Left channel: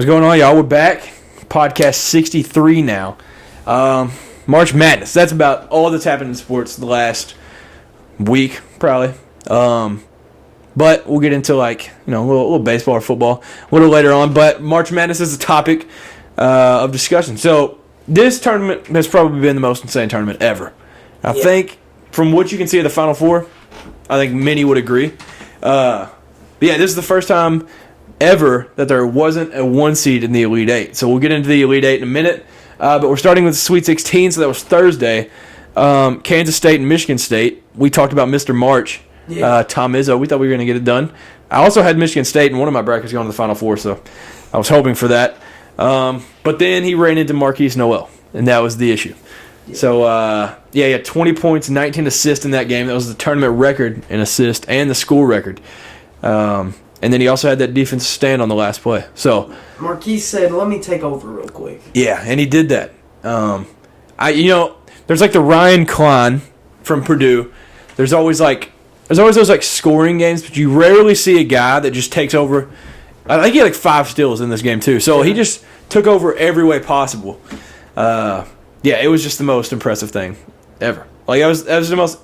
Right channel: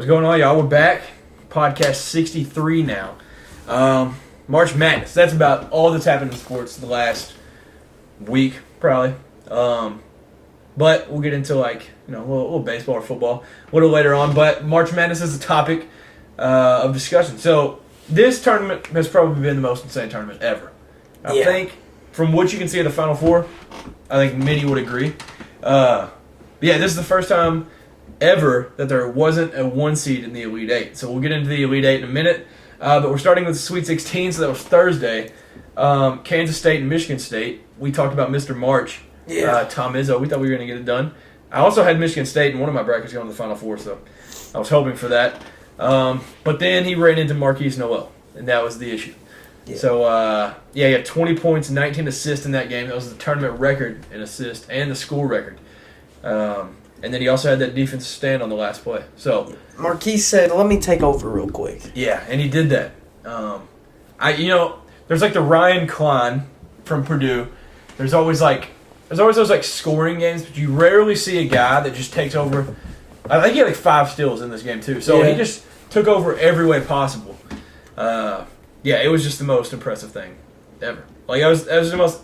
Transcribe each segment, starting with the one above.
What's going on, y'all? We're back. Podcast 63 now. March Madness. That's about all that's happened in sports the last week, probably. But we'll get into a little baseball or football a little later on. But March Madness is a topic of discussion. So this tournament has probably been the most insane tournament ever. I think from what you can see of the Final Four, I think many would agree. This is the first time ever that there wasn't a 1 seed in the Elite Eight. So we'll get into the Elite Eight in a minute. But we're starting with the Sweet 16, so that was Thursday. Kansas State and Michigan State. We talked about Mr. March, Tom Izzo. We thought we were going to get it done. I also had Michigan State in one of my brackets going to the Final Four, so I was hoping for that. But then he ran into Marquise Noel, and that was the issue. Yeah. So, he had 20 points, 19 assists in that game. That was the tournament record in assists and the school record. And then he also had that defensive stand on the last play. So Marquise said, "Let me take over real quick." Yeah, and he did that. There's like the Ryan Klein from Purdue. There's always those scoring games, but you rarely see a guy that just takes over. I think he had 5 steals in this game too. So he just took over every way possible. It was just the most impressive thing ever. That was the most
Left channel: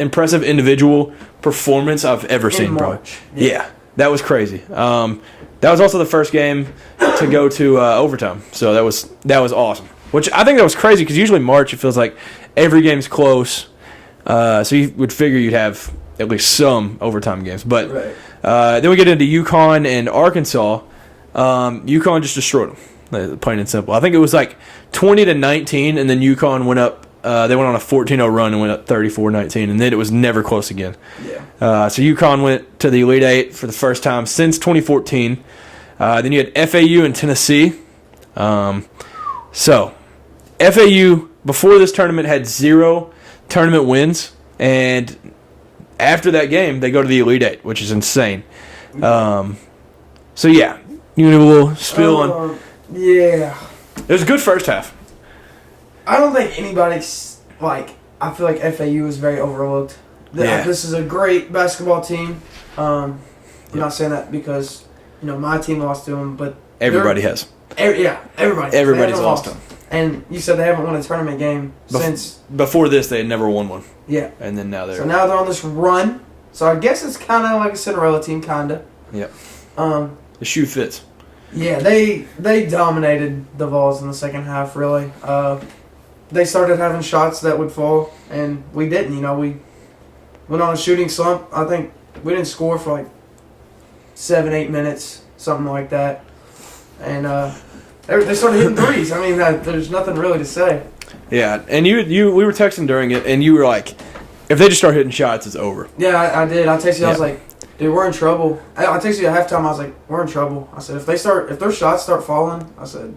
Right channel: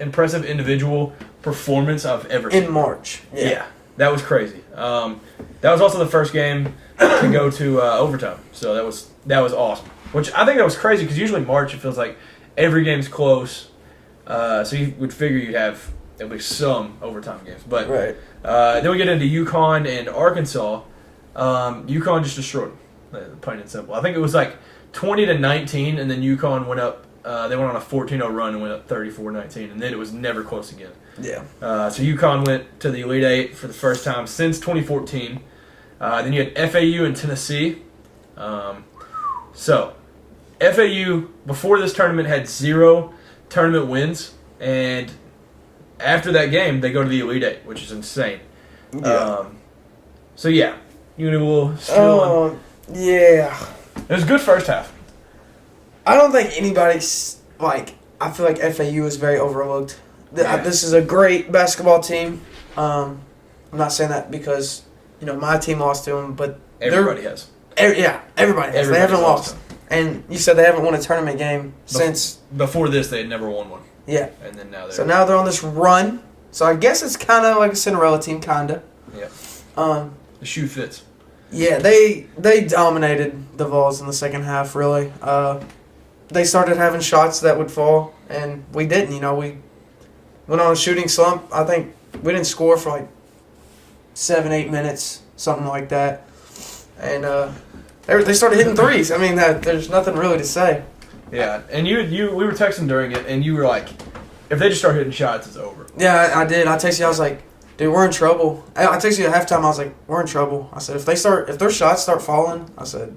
impressive individual performance I've ever seen. In March. Yeah. That was crazy. That was also the first game to go to overtime, so that was awesome. Which I think that was crazy because usually March it feels like every game's close, so you would figure you'd have at least some overtime games. But then we get into UConn and Arkansas. UConn just destroyed them, plain and simple. I think it was 20-19, and then UConn went up. They went on a 14-0 run and went up 34-19, and then it was never close again. Yeah. So UConn went to the Elite Eight for the first time since 2014. Then you had FAU and Tennessee. So FAU, before this tournament, had 0 tournament wins, and after that game, they go to the Elite Eight, which is insane. Yeah. You need a little spiel on... Yeah. It was a good first half. I don't think anybody's, I feel like FAU is very overlooked. Yeah. This is a great basketball team. I'm not saying that because, my team lost to them, but... Everybody has. Everybody has. Everybody's they haven't lost them. And you said they haven't won a tournament game since... Before this, they had never won one. Yeah. And then now they're... So now they're on this run. So I guess it's kind of like a Cinderella team, kind of. Yep. The shoe fits. Yeah, they dominated the Vols in the second half, really. They started having shots that would fall, and we didn't. We went on a shooting slump. I think we didn't score for 7-8 minutes, something like that. And they started hitting threes. I mean, there's nothing really to say. Yeah, and we were texting during it, and you were like, if they just start hitting shots, it's over. Yeah, I did. I texted you. I was like, dude, we're in trouble. I texted you at halftime. I was like, we're in trouble. I said, if their shots start falling, I said,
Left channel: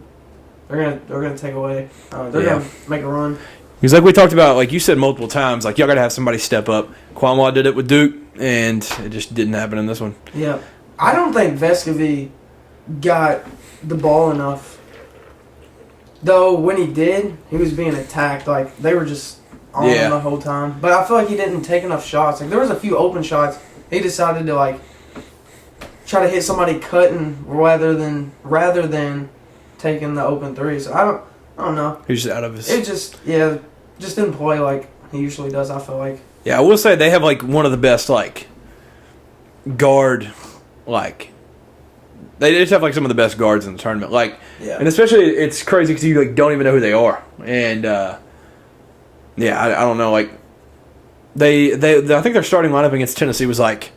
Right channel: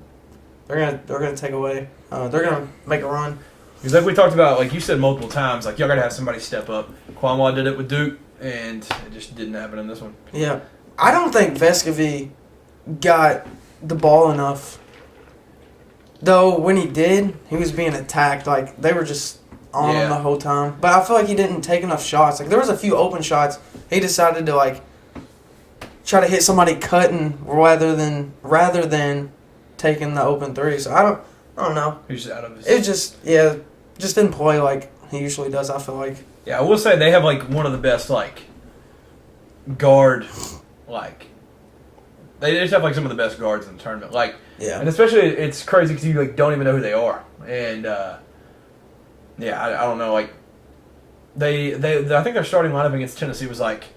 they're gonna take away. They're gonna make a run. Because like we talked about, like you said multiple times, y'all gotta have somebody step up. Kwamwa did it with Duke, and it just didn't happen in this one. Yeah, I don't think Vescovi got the ball enough. Though when he did, he was being attacked. They were just on him the whole time. But I feel like he didn't take enough shots. There was a few open shots. He decided to try to hit somebody cutting rather than taking the open threes. I don't know. He's just out of his... It just didn't play like he usually does, I feel like. Yeah, I will say they have, one of the best, guard, They just have, some of the best guards in the tournament. And especially, it's crazy because you, don't even know who they are. And, I don't know, I think their starting lineup against Tennessee was, that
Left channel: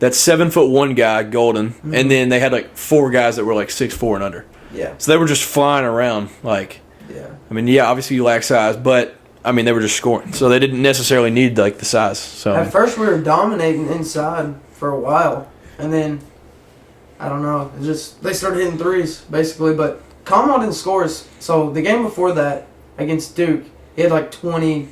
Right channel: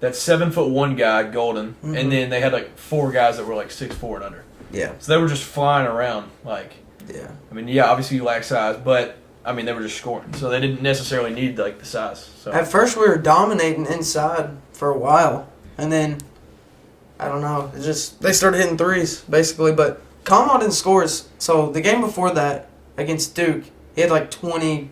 7'1" guy, Golden, and then they had, 4 guys that were, 6'4" and under. Yeah. So they were just flying around, obviously you lack size, but, they were just scoring. So they didn't necessarily need, the size. So at first we were dominating inside for a while, and then, I don't know, they started hitting threes, basically, but Kamau didn't score. So the game before that, against Duke, he had, 20,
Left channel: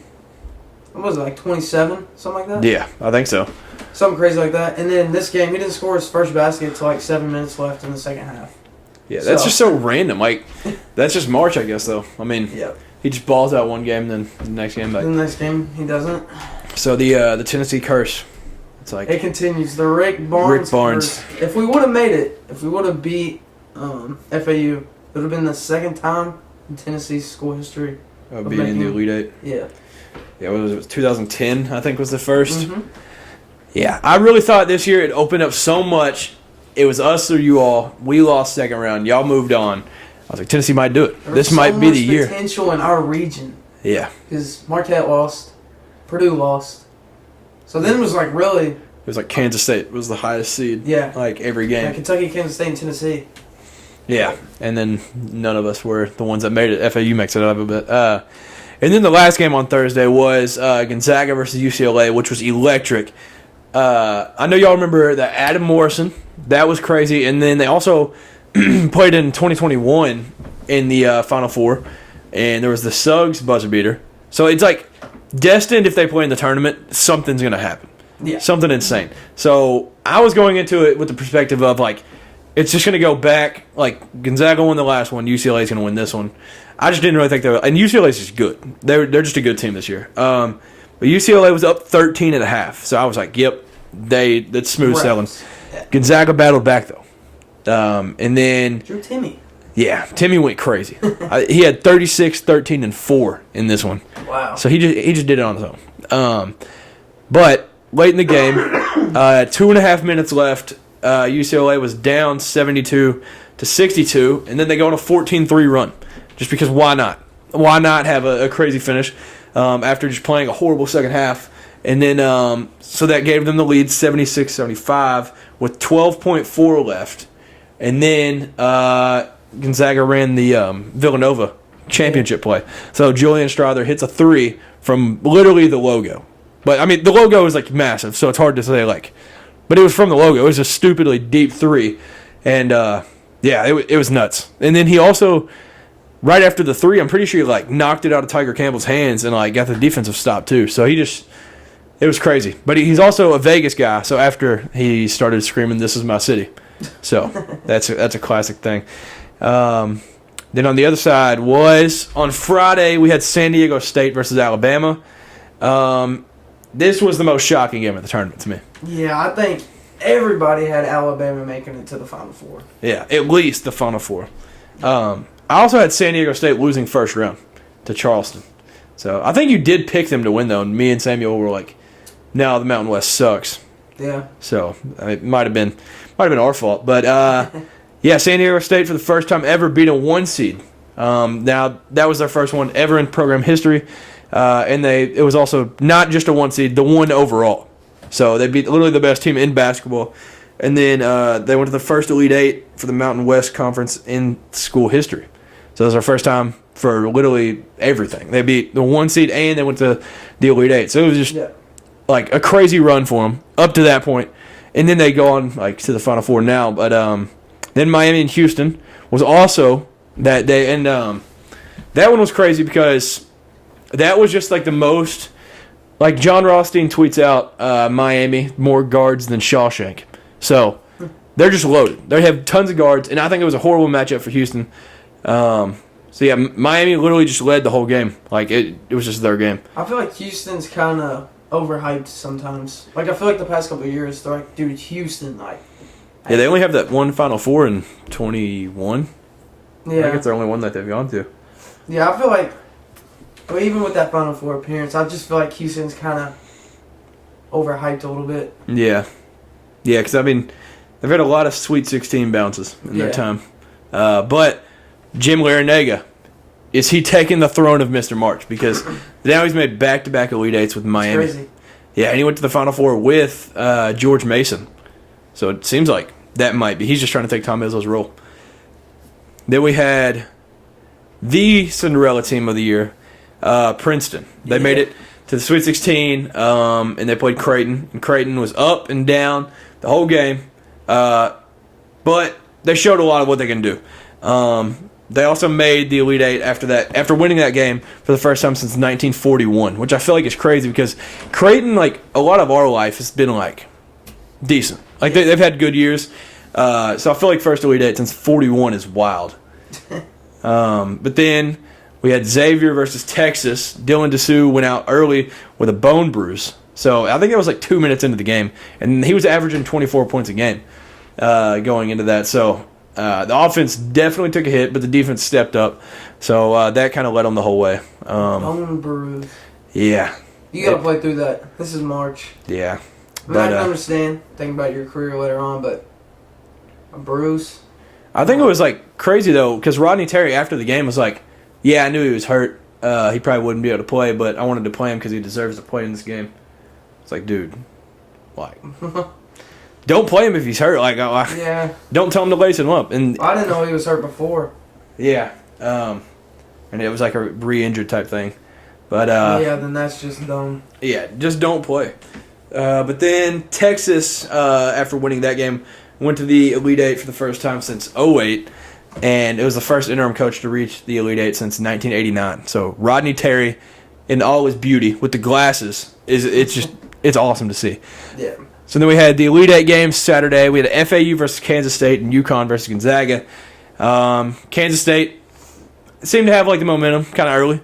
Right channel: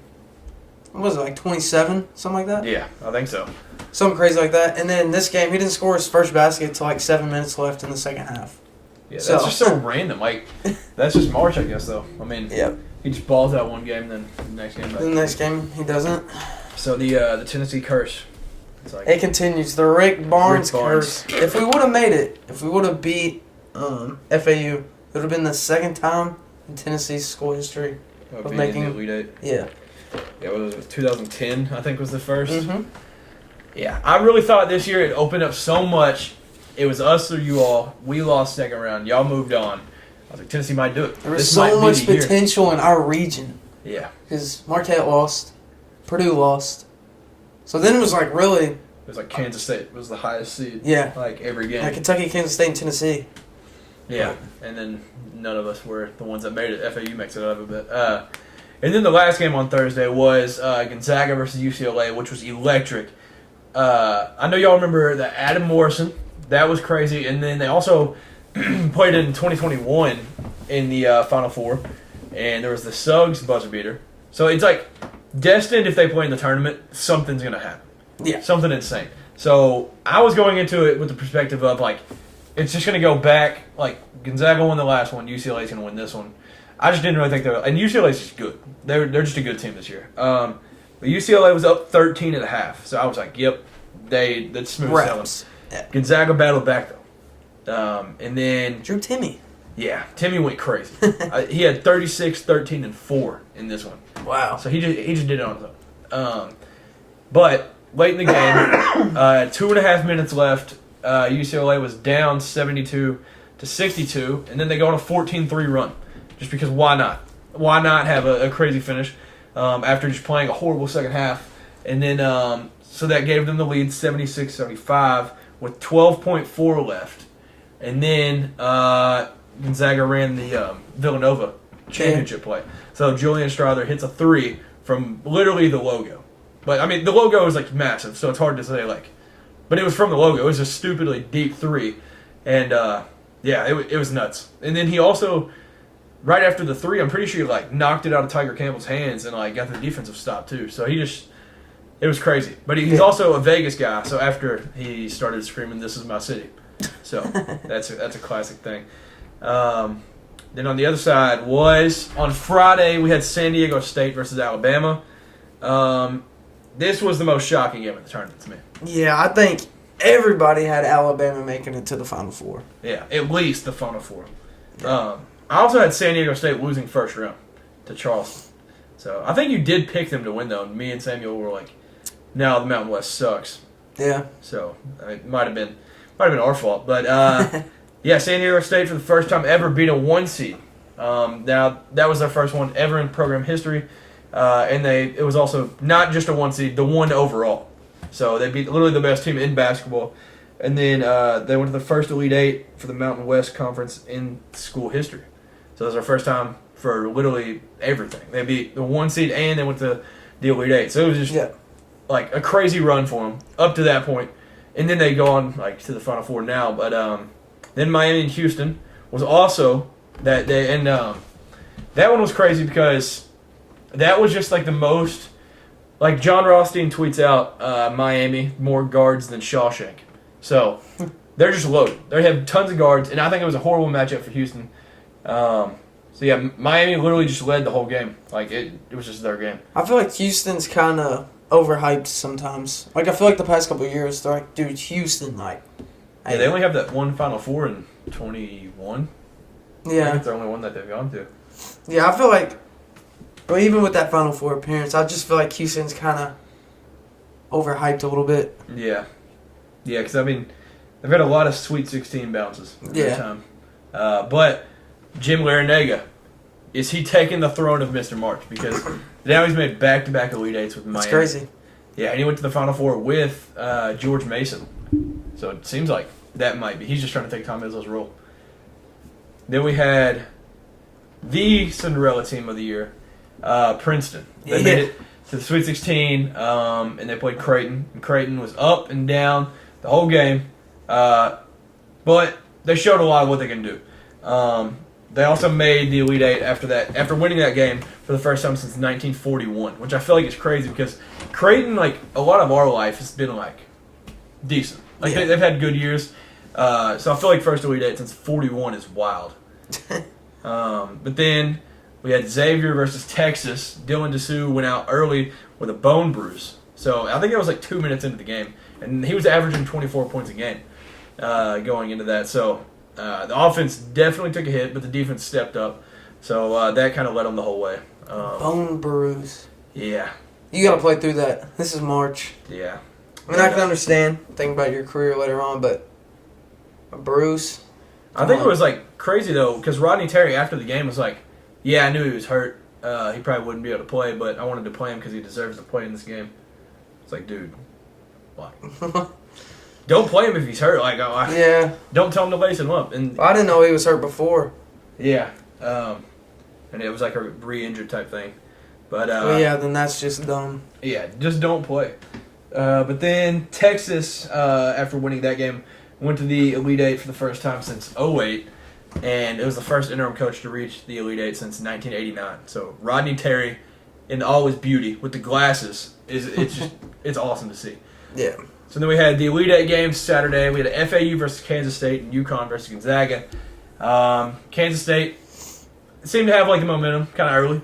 what was it, 27, something like that? Yeah, I think so. Something crazy like that. And then this game, he didn't score his first basket until, 7 minutes left in the second half. Yeah, that's just so random. That's just March, I guess, though. Yeah. He just balls out one game, then the next game. The next game, he doesn't. So the Tennessee curse. It continues. The Rick Barnes curse. If we would have made it, if we would have beat FAU. It would have been the second time in Tennessee's school history. Being in the Elite Eight. Yeah. Yeah, it was 2010, I think was the first. Mm-hmm. Yeah, I really thought this year it opened up so much. It was us or you all. We lost second round. Y'all moved on. I was like, Tennessee might do it. This might be the year. There was so much potential in our region. Yeah. Because Marquette lost. Purdue lost. So then it was like really... It was like Kansas State was the highest seed. Yeah. Like every game. Like Kentucky, Kansas State, and Tennessee. Yeah. And then none of us were the ones that made it. FAU makes it out of it. And then the last game on Thursday was Gonzaga versus UCLA, which was electric. I know y'all remember the Adam Morrison. That was crazy. And then they also played in 2021 in the Final Four. And there was the Suggs buzzer beater. So it's like destined if they play in the tournament, something's going to happen. Yeah. Something insane. So I was going into it with the perspective of like, it's just going to go back. Like Gonzaga won the last one. UCLA is going to win this one. I just didn't really think they were. And UCLA is just good. They're just a good team this year. But UCLA was up 13 and a half. So I was like, yep, that's smooth sailing. Gonzaga battled back though. And then Drew Timme. Yeah, Timme went crazy. He had 36, 13, and 4 in this one. Wow. So he just did it on his own. But late in the game, 2.5 minutes left. UCLA was down 72-62, and then they go on a 14-3 run. Just because why not? Why not have a crazy finish after just playing a horrible second half? And then so that gave them the lead 76-75 with 12.4 left. And then Gonzaga ran the Villanova championship play. So Julian Strawther hits a 3 from literally the logo. But, I mean, the logo is, like, massive, so it's hard to say, like. But it was from the logo. It was a stupidly deep 3. And, yeah, it was nuts. And then he also, right after the 3, I'm pretty sure he, like, knocked it out of Tiger Campbell's hands and, like, got the defensive stop, too. So he just, it was crazy. But he's also a Vegas guy, so after he started screaming, "This is my city." So that's a classic thing. Then on the other side was, on Friday, we had San Diego State versus Alabama. This was the most shocking game of the tournament to me. Yeah, I think everybody had Alabama making it to the Final Four. Yeah, at least the Final Four. I also had San Diego State losing first round to Charleston. So I think you did pick them to win, though, and me and Samuel were like, no, the Mountain West sucks. Yeah. So it might have been our fault. But, yeah, San Diego State for the first time ever beat a 1 seed. Now, that was their first one ever in program history. And it was also not just a 1 seed, the 1 overall. So they beat literally the best team in basketball. And then they went to the first Elite Eight for the Mountain West Conference in school history. So it was their first time for literally everything. They beat the 1 seed and they went to the Elite Eight. So it was just like a crazy run for them up to that point. And then they go on like to the Final Four now. But then Miami and Houston was also that day. And that one was crazy because that was just like the most, like John Rothstein tweets out, Miami, more guards than Shawshank. So they're just loaded. They have tons of guards, and I think it was a horrible matchup for Houston. So yeah, Miami literally just led the whole game. Like it was just their game. I feel like Houston's kind of overhyped sometimes. Like I feel like the past couple of years, they're like, dude, Houston, like. Yeah, they only have that one Final Four in 21. Yeah. I think it's their only one that they've gone to. Yeah, I feel like. But even with that Final Four appearance, I just feel like Houston's kind of overhyped a little bit. Yeah. Yeah, because, I mean, they've had a lot of Sweet 16 bounces in their time. But Jim Larinaga, is he taking the throne of Mr. March? Because now he's made back-to-back Elite Eights with Miami. It's crazy. Yeah, and he went to the Final Four with George Mason. So it seems like that might be. He's just trying to take Tom Izzo's role. Then we had the Cinderella team of the year, Princeton. They made it to the Sweet 16, and they played Creighton. And Creighton was up and down the whole game, but they showed a lot of what they can do. They also made the Elite Eight after winning that game for the first time since 1941, which I feel like is crazy because Creighton, like a lot of our life, has been like decent. Like they've had good years, so I feel like first Elite Eight since 41 is wild. But then we had Xavier versus Texas. Dylan Dessou went out early with a bone bruise. So I think it was like 2 minutes into the game. And he was averaging 24 points a game going into that. So The offense definitely took a hit, but the defense stepped up. So that kind of led them the whole way. Bone bruise. Yeah. You got to play through that. This is March. Yeah. I mean, I can understand thinking about your career later on, but a bruise. I think it was like crazy though, because Rodney Terry after the game was like, "Yeah, I knew he was hurt. He probably wouldn't be able to play, but I wanted to play him because he deserves to play in this game." It's like, dude, like, don't play him if he's hurt. Like, yeah, don't tell him to lace him up. And I didn't know he was hurt before. Yeah, and it was like a re-injured type thing. But yeah, then that's just dumb. Yeah, just don't play. But then Texas, after winning that game, went to the Elite Eight for the first time since '08, and it was the first interim coach to reach the Elite Eight since 1989. So Rodney Terry, in all his beauty, with the glasses, it's awesome to see. Yeah. So then we had the Elite Eight games Saturday. We had FAU versus Kansas State and UConn versus Gonzaga. Kansas State seemed to have like the momentum kind of early.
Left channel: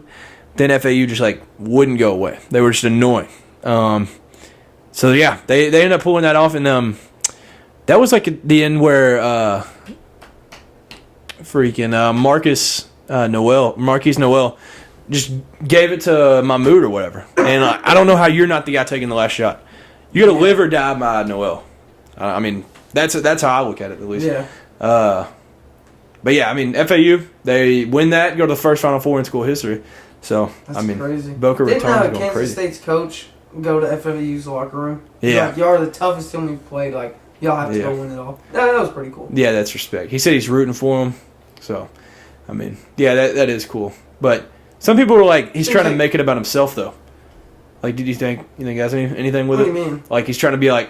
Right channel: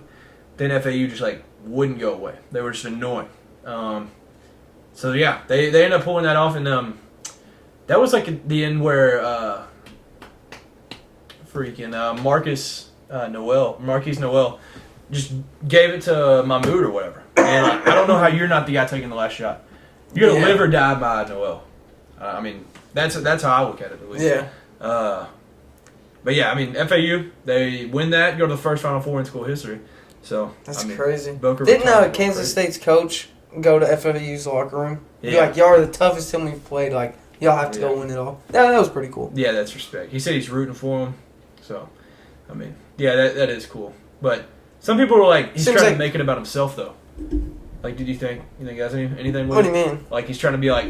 Then FAU just like wouldn't go away. They were just annoying. So yeah, they ended up pulling that off, and that was like at the end where Marquise Noel just gave it to Mahmoud or whatever. And I don't know how you're not the guy taking the last shot. You got to live or die by Noel. I mean, that's how I look at it, at least. Yeah. But yeah, I mean, FAU, they win that, go to the first Final Four in school history. So, that's I mean, crazy. Boca Didn't Raton Kansas crazy. State's coach go to FAU's locker room? Yeah. Like, y'all are the toughest team we've played. Like, y'all have to go win it all. That was pretty cool. Yeah, that's respect. He said he's rooting for him. So, I mean, yeah, that is cool. But some people were like, he's trying to make it about himself, though. Like, did you think he has anything with it? What do you mean? Like, he's trying to be like,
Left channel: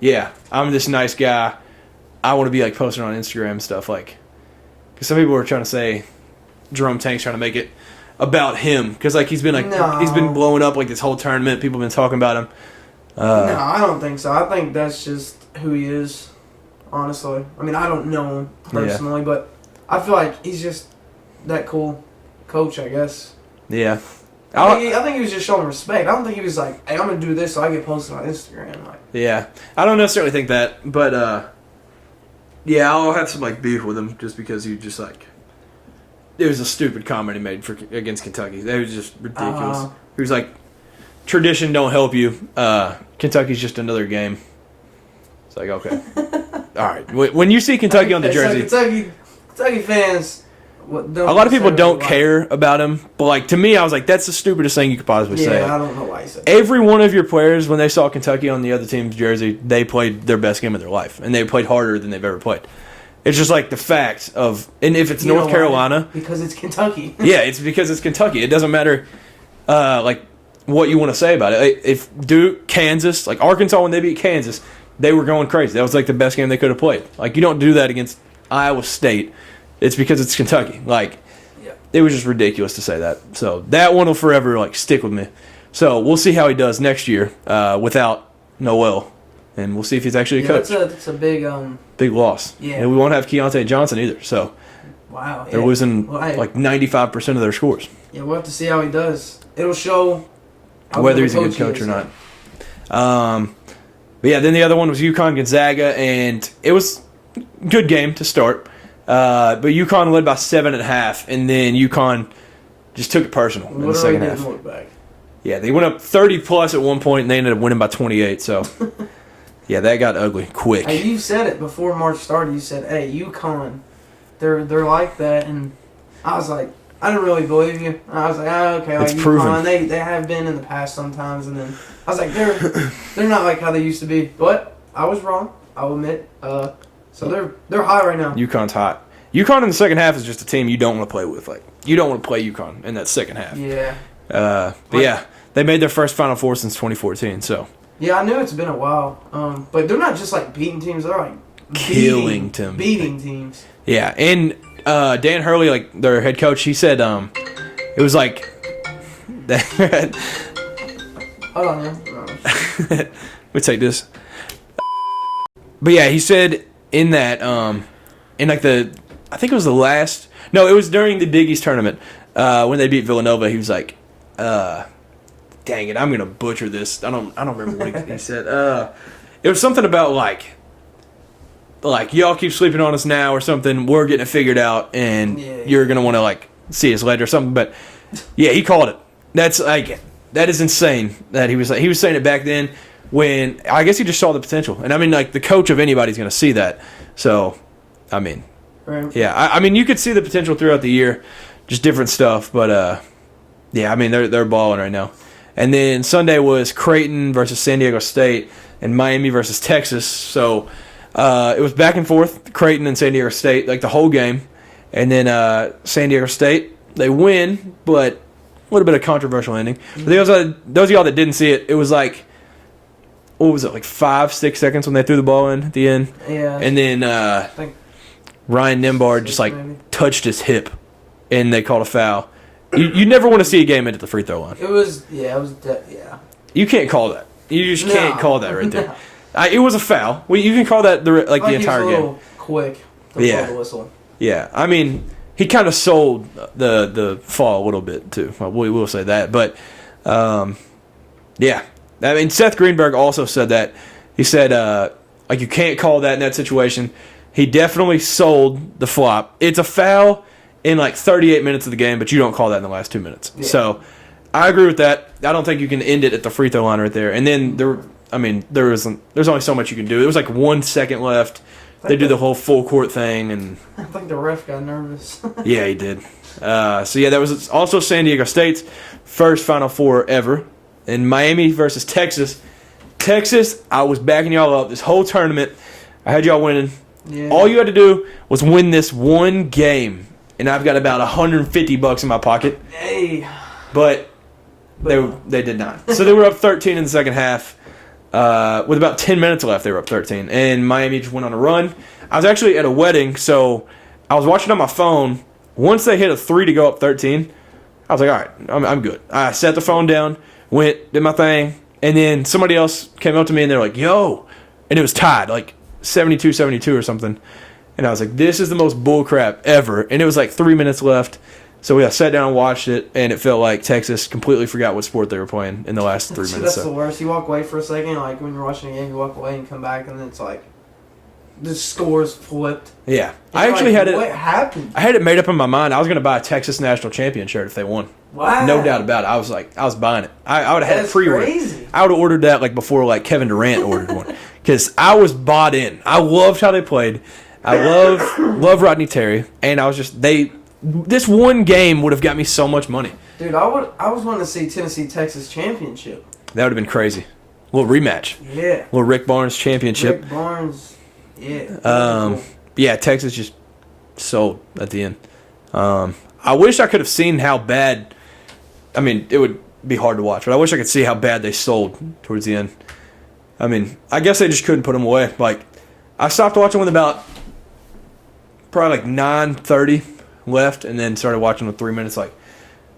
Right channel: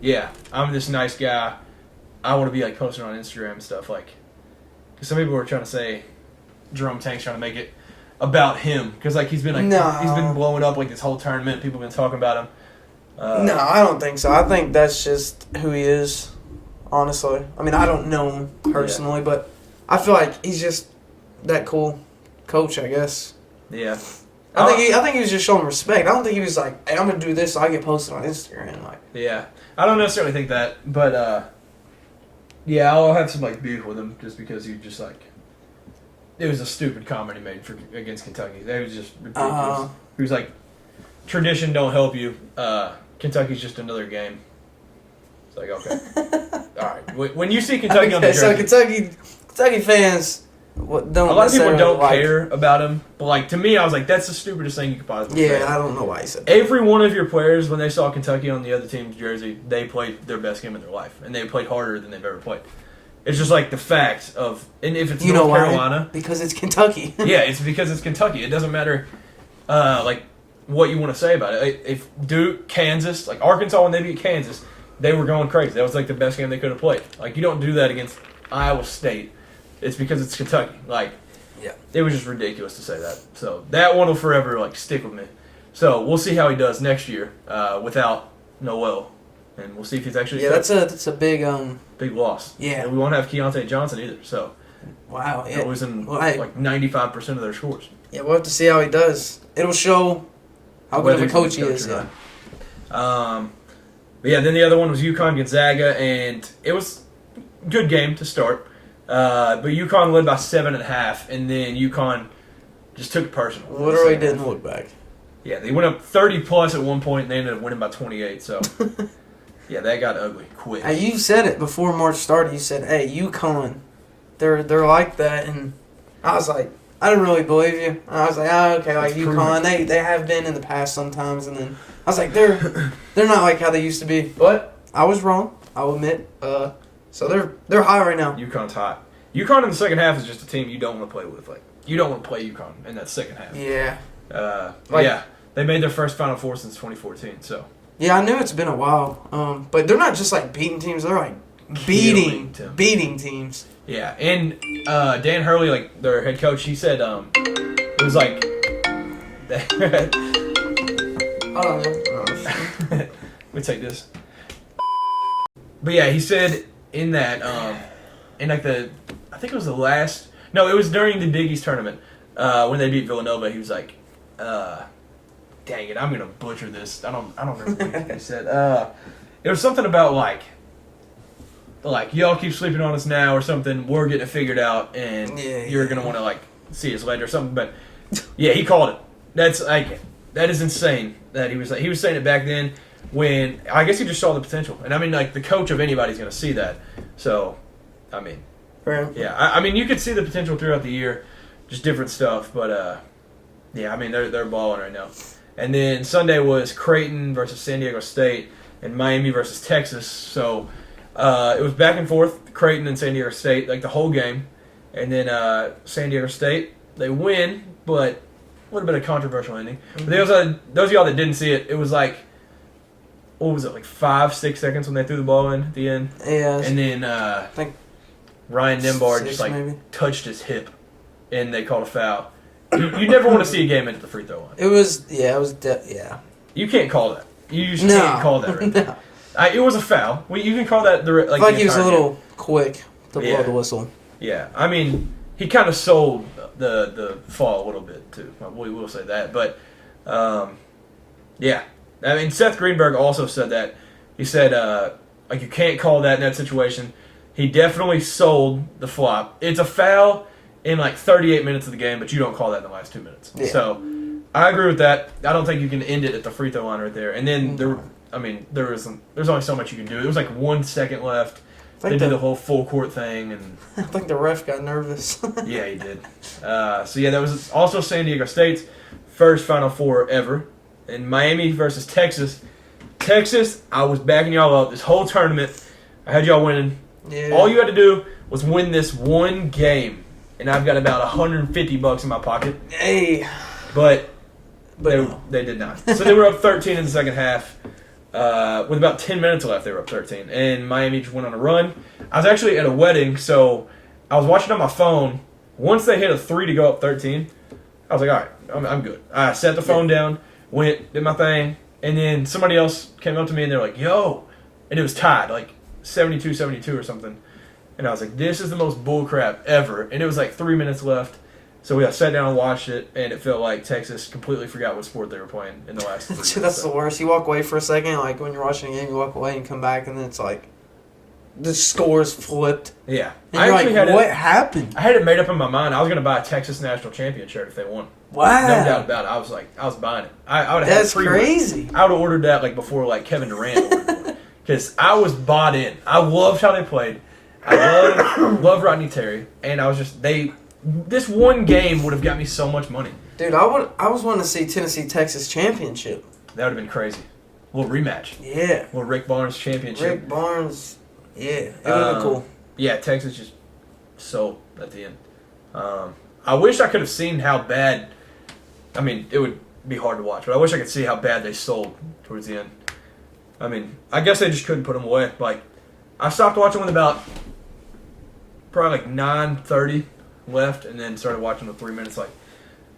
yeah, I'm this nice guy. I want to be, like, posting on Instagram and stuff. Like, because some people were trying to say Jerome Tank's trying to make it about him. Because, like, he's been blowing up, like, this whole tournament. People have been talking about him. No, I don't think so. I think that's just who he is, honestly. I mean, I don't know him personally, but I feel like he's just that cool coach, I guess. Yeah. I think he was just showing respect. I don't think he was like, hey, I'm going to do this so I get posted on Instagram. Like, yeah. I don't necessarily think that, but, yeah, I'll have some, like, beef with him just because he just, like, it was a stupid comment he made against Kentucky. That was just ridiculous. He was like, tradition don't help you. Kentucky's just another game. It's like, okay. All right. When you see Kentucky on the jersey. So Kentucky fans... a lot of people don't care about him, but like to me, I was like, that's the stupidest thing you could possibly say. Yeah, I don't know why he said that. Every one of your players, when they saw Kentucky on the other team's jersey, they played their best game of their life, and they played harder than they've ever played. It's just like the fact of, and if it's North Carolina, because it's Kentucky. Yeah, it's because it's Kentucky. It doesn't matter, like what you want to say about it. If Duke, Kansas, like Arkansas when they beat Kansas, they were going crazy. That was like the best game they could have played. Like you don't do that against Iowa State. It's because it's Kentucky. Like, it was just ridiculous to say that. So that one will forever like stick with me. So we'll see how he does next year without Noel, and we'll see if he's actually a coach. That's a big big loss. Yeah, and we won't have Keontae Johnson either. So wow, they're losing like 95% of their scores. Yeah, we'll have to see how he does. It'll show whether he's a good coach or not. But yeah, then the other one was UConn Gonzaga, and it was a good game to start. But UConn led by 7.5, and then UConn just took it personal. Literally didn't look back. Yeah, they went up 30+ at one point, and they ended up winning by 28. So, yeah, that got ugly quick. Hey, you said it before March started. You said, "Hey, UConn, they're like that," and I was like, I didn't really believe you. I was like, oh, okay, like it's UConn, proven. they have been in the past sometimes, and then I was like, they're not like how they used to be. But I was wrong. I'll admit. So they're high right now. UConn's hot. UConn in the second half is just a team you don't want to play with. Like you don't want to play UConn in that second half. Yeah. But yeah, they made their first Final Four since 2014. So. Yeah, I knew it's been a while. But they're not just like beating teams; they're like beating teams. Yeah, and Dan Hurley, like their head coach, he said it was like that. Hold on, man. Let me take this. But yeah, he said in that, in like I think it was the last, no, it was during the Big East tournament, when they beat Villanova, he was like, dang it, I'm going to butcher this. I don't remember what he said. It was something about like, like, y'all keep sleeping on us now or something. We're getting it figured out, and you're going to want to, like, see us later or something. But, yeah, he called it. That's, like, that is insane that he was saying it back then when I guess he just saw the potential. And, I mean, like, the coach of anybody's going to see that. So, I mean, right. Yeah, I mean, you could see the potential throughout the year, just different stuff. But, yeah, I mean, they're balling right now. And then Sunday was Creighton versus San Diego State and Miami versus Texas. So it was back and forth, Creighton and San Diego State, like the whole game. And then San Diego State, they win, but a little bit of controversial ending. But those of y'all that didn't see it, it was like, what was it, like 5-6 seconds when they threw the ball in at the end? Yeah. And then I think Ryan Nimbard just like touched his hip, and they called a foul. You never want to see a game end at the free throw line. It was. You can't call that. You just can't call that right there. No. It was a foul. Well, you can call that the entire game. He was a little quick to blow the whistle. Yeah, I mean, he kind of sold the fall a little bit too. We will say that, but yeah, I mean, Seth Greenberg also said that. He said like you can't call that in that situation. He definitely sold the flop. It's a foul in like 38 minutes of the game, but you don't call that in the last 2 minutes. Yeah. So I agree with that. I don't think you can end it at the free throw line right there. And then there's only so much you can do. There was like 1 second left. They do the whole full court thing, and I think the ref got nervous. Yeah, he did. So yeah, that was also San Diego State's first Final Four ever. In Miami versus Texas. Texas, I was backing y'all up this whole tournament. I had y'all winning. Yeah. All you had to do was win this one game. And I've got about $150 in my pocket. Hey. But they did not. So they were up 13 in the second half. With about 10 minutes left, they were up 13. And Miami just went on a run. I was actually at a wedding, so I was watching on my phone. Once they hit a 3 to go up 13, I was like, all right, I'm good. I set the phone down, went, did my thing, and then somebody else came up to me and they're like, yo. And it was tied, like 72-72 or something. And I was like, this is the most bullcrap ever. And it was like 3 minutes left. So we sat down and watched it, and it felt like Texas completely forgot what sport they were playing in the last 3 minutes. That's the worst. You walk away for a second, like when you're watching a game, you walk away and come back, and then it's like the score's flipped. Yeah. I actually had what happened? I had it made up in my mind. I was going to buy a Texas national champion shirt if they won. Wow. No doubt about it. I was buying it. I would have had free crazy. I would have ordered that like before like Kevin Durant ordered one. Because I was bought in. I loved how they played. I love Rodney Terry, and I was just this one game would have got me so much money. Dude, I was wanting to see Tennessee Texas championship. That would have been crazy. A little rematch. Yeah. A little Rick Barnes championship. Rick Barnes. Yeah. Cool. Yeah, Texas just sold at the end. I wish I could have seen how bad. I mean, it would be hard to watch, but I wish I could see how bad they sold towards the end. I mean, I guess they just couldn't put them away. Like, I stopped watching with about probably like 9:30 left, and then started watching with 3 minutes. Like,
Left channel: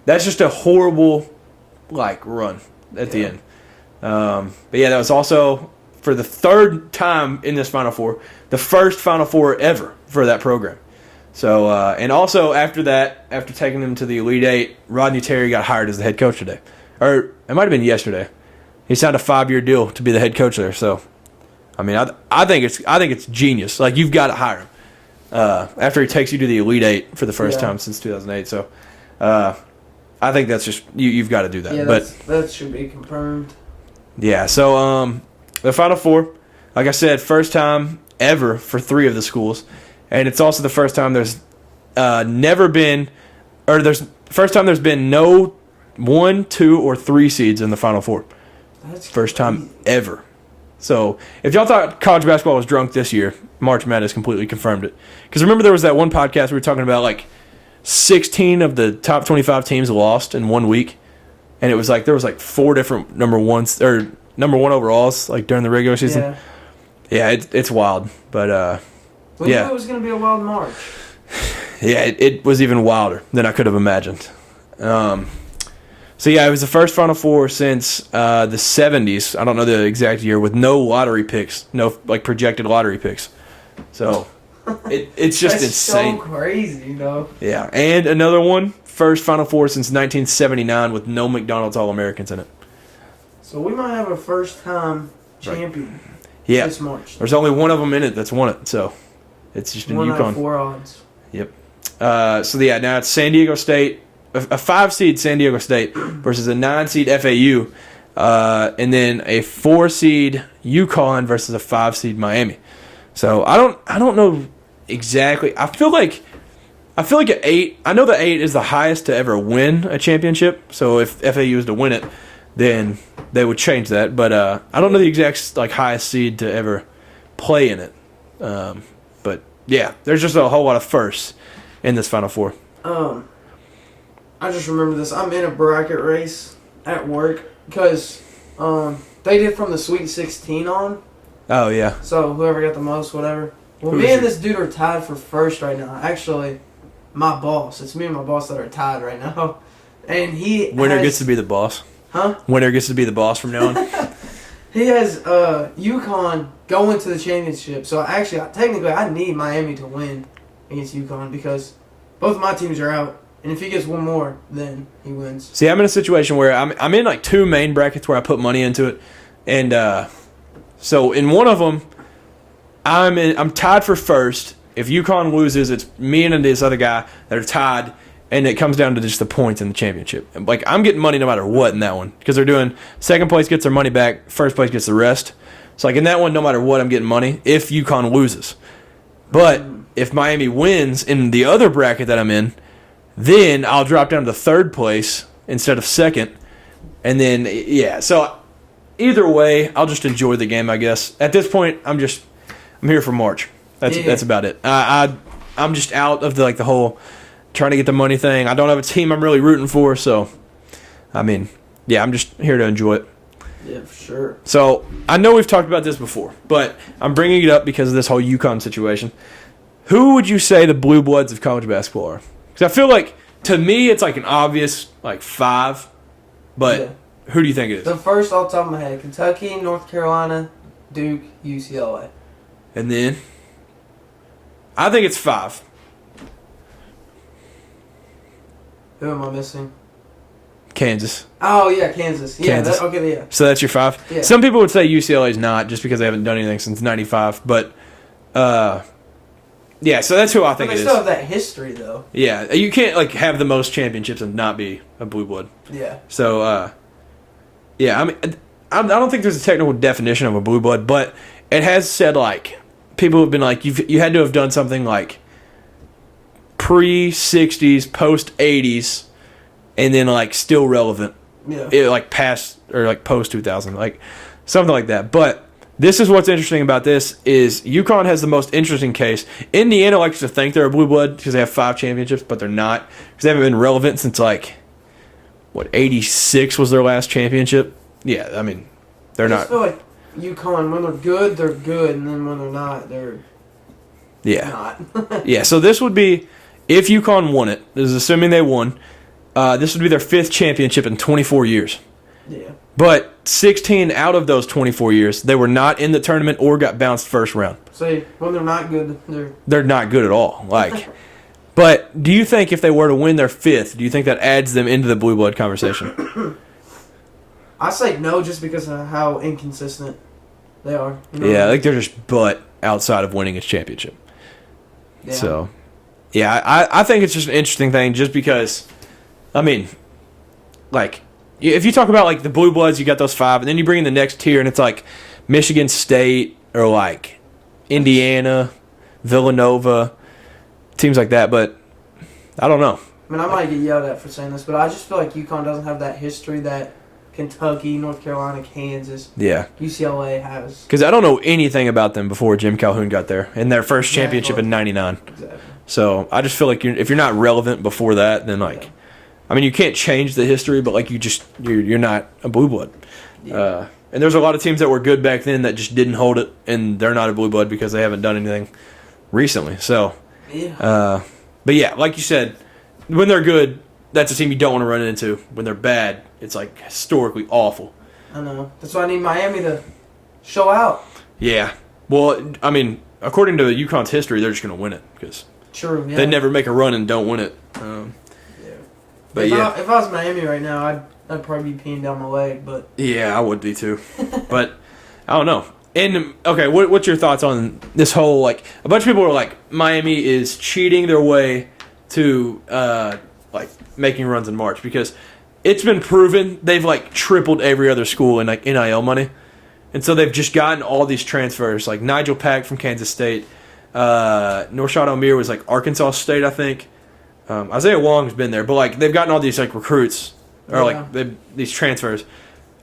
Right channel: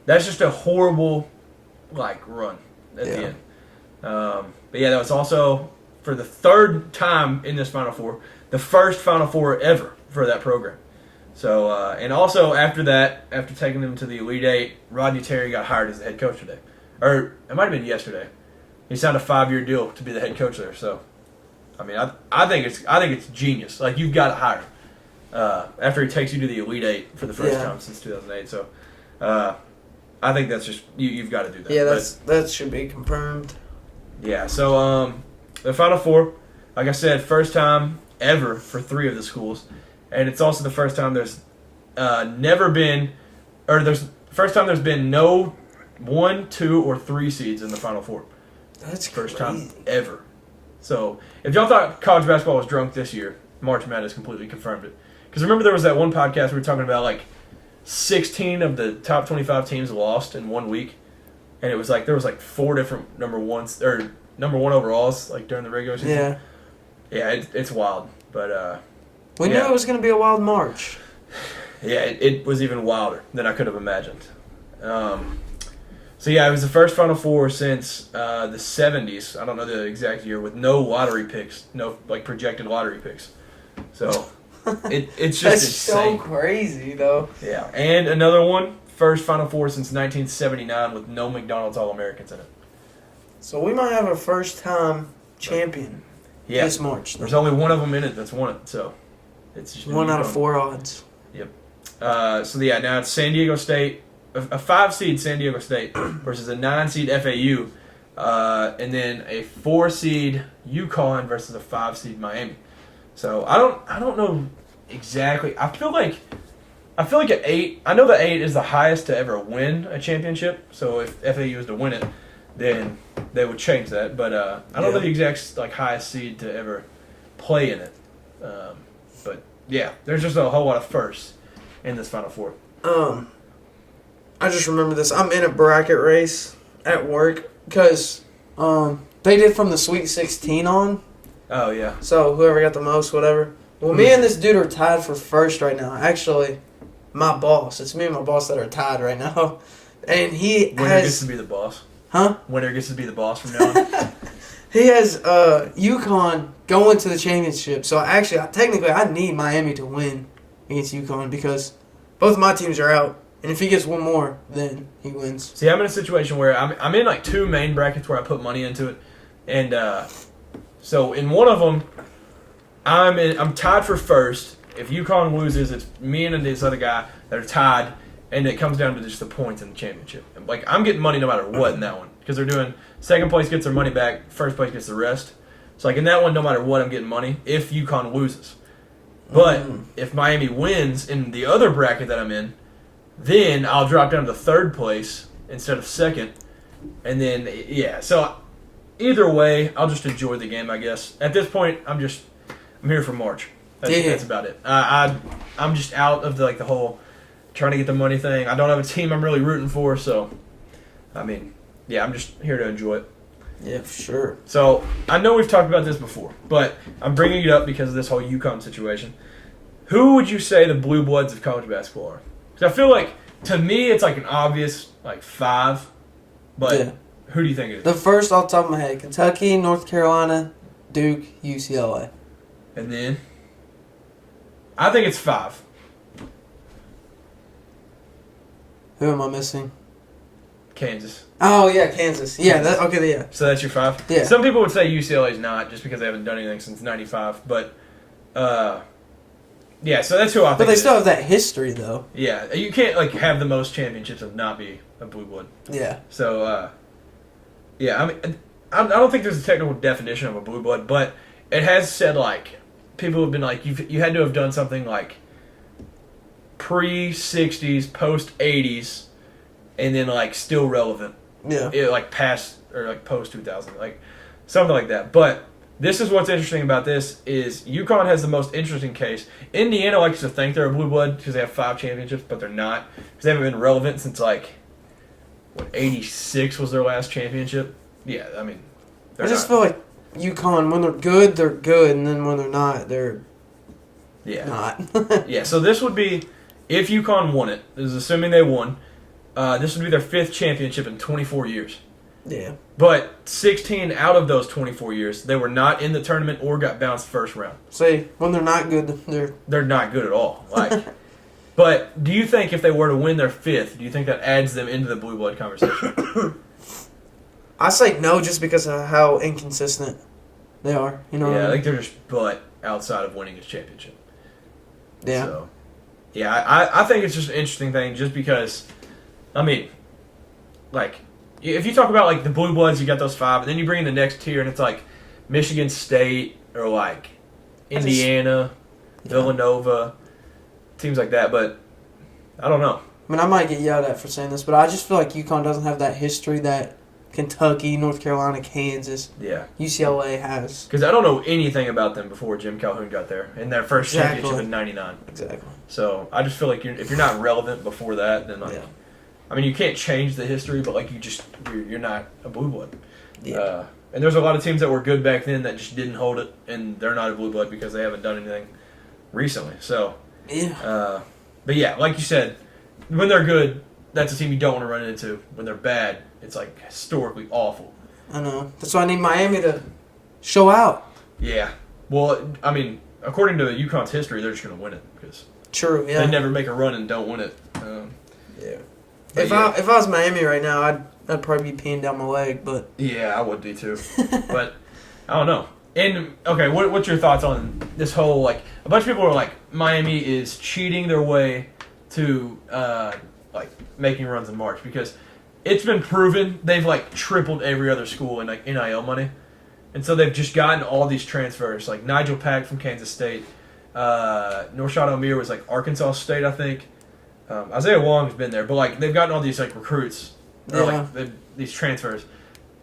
that's just a horrible like run at the end. But yeah, that was also for the third time in this Final Four, the first Final Four ever for that program. So and also after that, after taking them to the Elite Eight, Rodney Terry got hired as the head coach today, or it might have been yesterday. He signed a 5-year deal to be the head coach there. So, I mean, I think it's genius. Like, you've got to hire him after he takes you to the Elite Eight for the first time since 2008. So, I think that's just you've got to do that. Yeah, that should be confirmed. Yeah. So, the Final Four, like I said, first time ever for 3 of the schools, and it's also the first time there's first time there's been no 1, 2, or 3 seeds in the Final Four. That's first time ever. So, if y'all thought college basketball was drunk this year, March Madness completely confirmed it. Because remember there was that one podcast we were talking about, like, 16 of the top 25 teams lost in 1 week. And it was like, there was like 4 different number 1 overalls, like, during the regular season. Yeah, it's wild. But, we knew it was going to be a wild March. Yeah, it was even wilder than I could have imagined. So, yeah, it was the first Final Four since the 70s. I don't know the exact year, with no lottery picks, no like projected lottery picks. So, it's just That's insane. So crazy, though. Yeah, and another one, first Final Four since 1979 with no McDonald's All-Americans in it. So, we might have a first-time champion this March. There's only one of them in it that's won it, so It's just been 1 out of UConn. 4 odds. So yeah, now it's San Diego State, a 5 seed San Diego State versus a 9 seed FAU, and then a 4 seed UConn versus a 5 seed Miami. So I don't know exactly. I feel like an 8. I know the 8 is the highest to ever win a championship. So if FAU was to win it, then they would change that. But I don't know the exact highest seed to ever play in it. But yeah, there's just a whole lot of firsts in this Final Four. I just remember this. I'm in a bracket race at work because they did from the Sweet 16 on. Oh yeah. So whoever got the most, whatever. Well, Who's me and your- this dude are tied for first right now. Actually, my boss. It's me and my boss that are tied right now. And he Winner has, gets to be the boss. Huh? Winner gets to be the boss from now on. He has UConn going to the championship. So technically, I need Miami to win against UConn because both my teams are out. And if he gets one more, then he wins. See, I'm in a situation where I'm in 2 main brackets where I put money into it, and so in one of them, I'm tied for first. If UConn loses, it's me and this other guy that are tied, and it comes down to just the points in the championship. I'm getting money no matter what in that one because they're doing second place gets their money back, first place gets the rest. So in that one, no matter what, I'm getting money if UConn loses. But if Miami wins in the other bracket that I'm in, then I'll drop down to third place instead of second. And then, yeah. So either way, I'll just enjoy the game, I guess. At this point, I'm here for March. That's about it. I'm just out of the whole trying to get the money thing. I don't have a team I'm really rooting for. So, I'm just here to enjoy it. Yeah, for sure. So, I know we've talked about this before, but I'm bringing it up because of this whole UConn situation. Who would you say the blue bloods of college basketball are? Because I feel like, to me, it's an obvious 5, but who do you think it is? The first off the top of my head, Kentucky, North Carolina, Duke, UCLA. And then, I think it's 5. Who am I missing? Kansas. Oh, yeah, Kansas. Yeah, Kansas. yeah. So that's your 5? Yeah. Some people would say UCLA is not, just because they haven't done anything since 95, but, yeah, so that's who I But think they it still is. have that history, though. Yeah, you can't, have the most championships and not be a blue blood. Yeah. So, yeah, I don't think there's a technical definition of a blue blood, but it has said, people have been you had to have done something pre-60s, post-80s, and then, still relevant. Yeah. Past, or, post-2000, something like that. But this is what's interesting about this is UConn has the most interesting case. Indiana likes to think they're a blue blood because they have 5 championships, but they're not because they haven't been relevant since, 86 was their last championship? Yeah, they're I just not. feel like UConn, when they're good, and then when they're not, they're Yeah. not. Yeah, so this would be, if UConn won it, this is assuming they won, this would be their 5th championship in 24 years. Yeah. But 16 out of those 24 years, they were not in the tournament or got bounced first round. See, when they're not good, They're not good at all. But do you think if they were to win their 5th, do you think that adds them into the blue blood conversation? I say no just because of how inconsistent they are. You know what I mean? They're just butt outside of winning a championship. Yeah. So, yeah, I think it's just an interesting thing just because, if you talk about, the blue bloods, you got those 5, and then you bring in the next tier, and it's Michigan State or, Indiana, Villanova, teams like that, but I don't know. I might get yelled at for saying this, but I just feel like UConn doesn't have that history that Kentucky, North Carolina, Kansas, Yeah. UCLA has. Because I don't know anything about them before Jim Calhoun got there in their first championship in '99. Exactly. So I just feel like if you're not relevant before that, then you can't change the history, but you're not a blue blood. Yeah. And there's a lot of teams that were good back then that just didn't hold it, and they're not a blue blood because they haven't done anything recently. So, Yeah. but yeah, like you said, when they're good, that's a team you don't want to run into. When they're bad, it's historically awful. I know. That's why I need Miami to show out. Yeah. Well, according to UConn's history, they're just going to win it because True, yeah. they never make a run and don't win it. Yeah. But If yeah. I was Miami right now, I'd probably be peeing down my leg, but Yeah, I would be too. But I don't know. And okay, what's your thoughts on this whole like a bunch of people are like Miami is cheating their way to like making runs in March because it's been proven they've like tripled every other school in like NIL money, and so they've just gotten all these transfers like Nigel Pack from Kansas State, Norshad Omier was like Arkansas State I think, Isaiah Wong's been there, but like they've gotten all these like recruits or like these transfers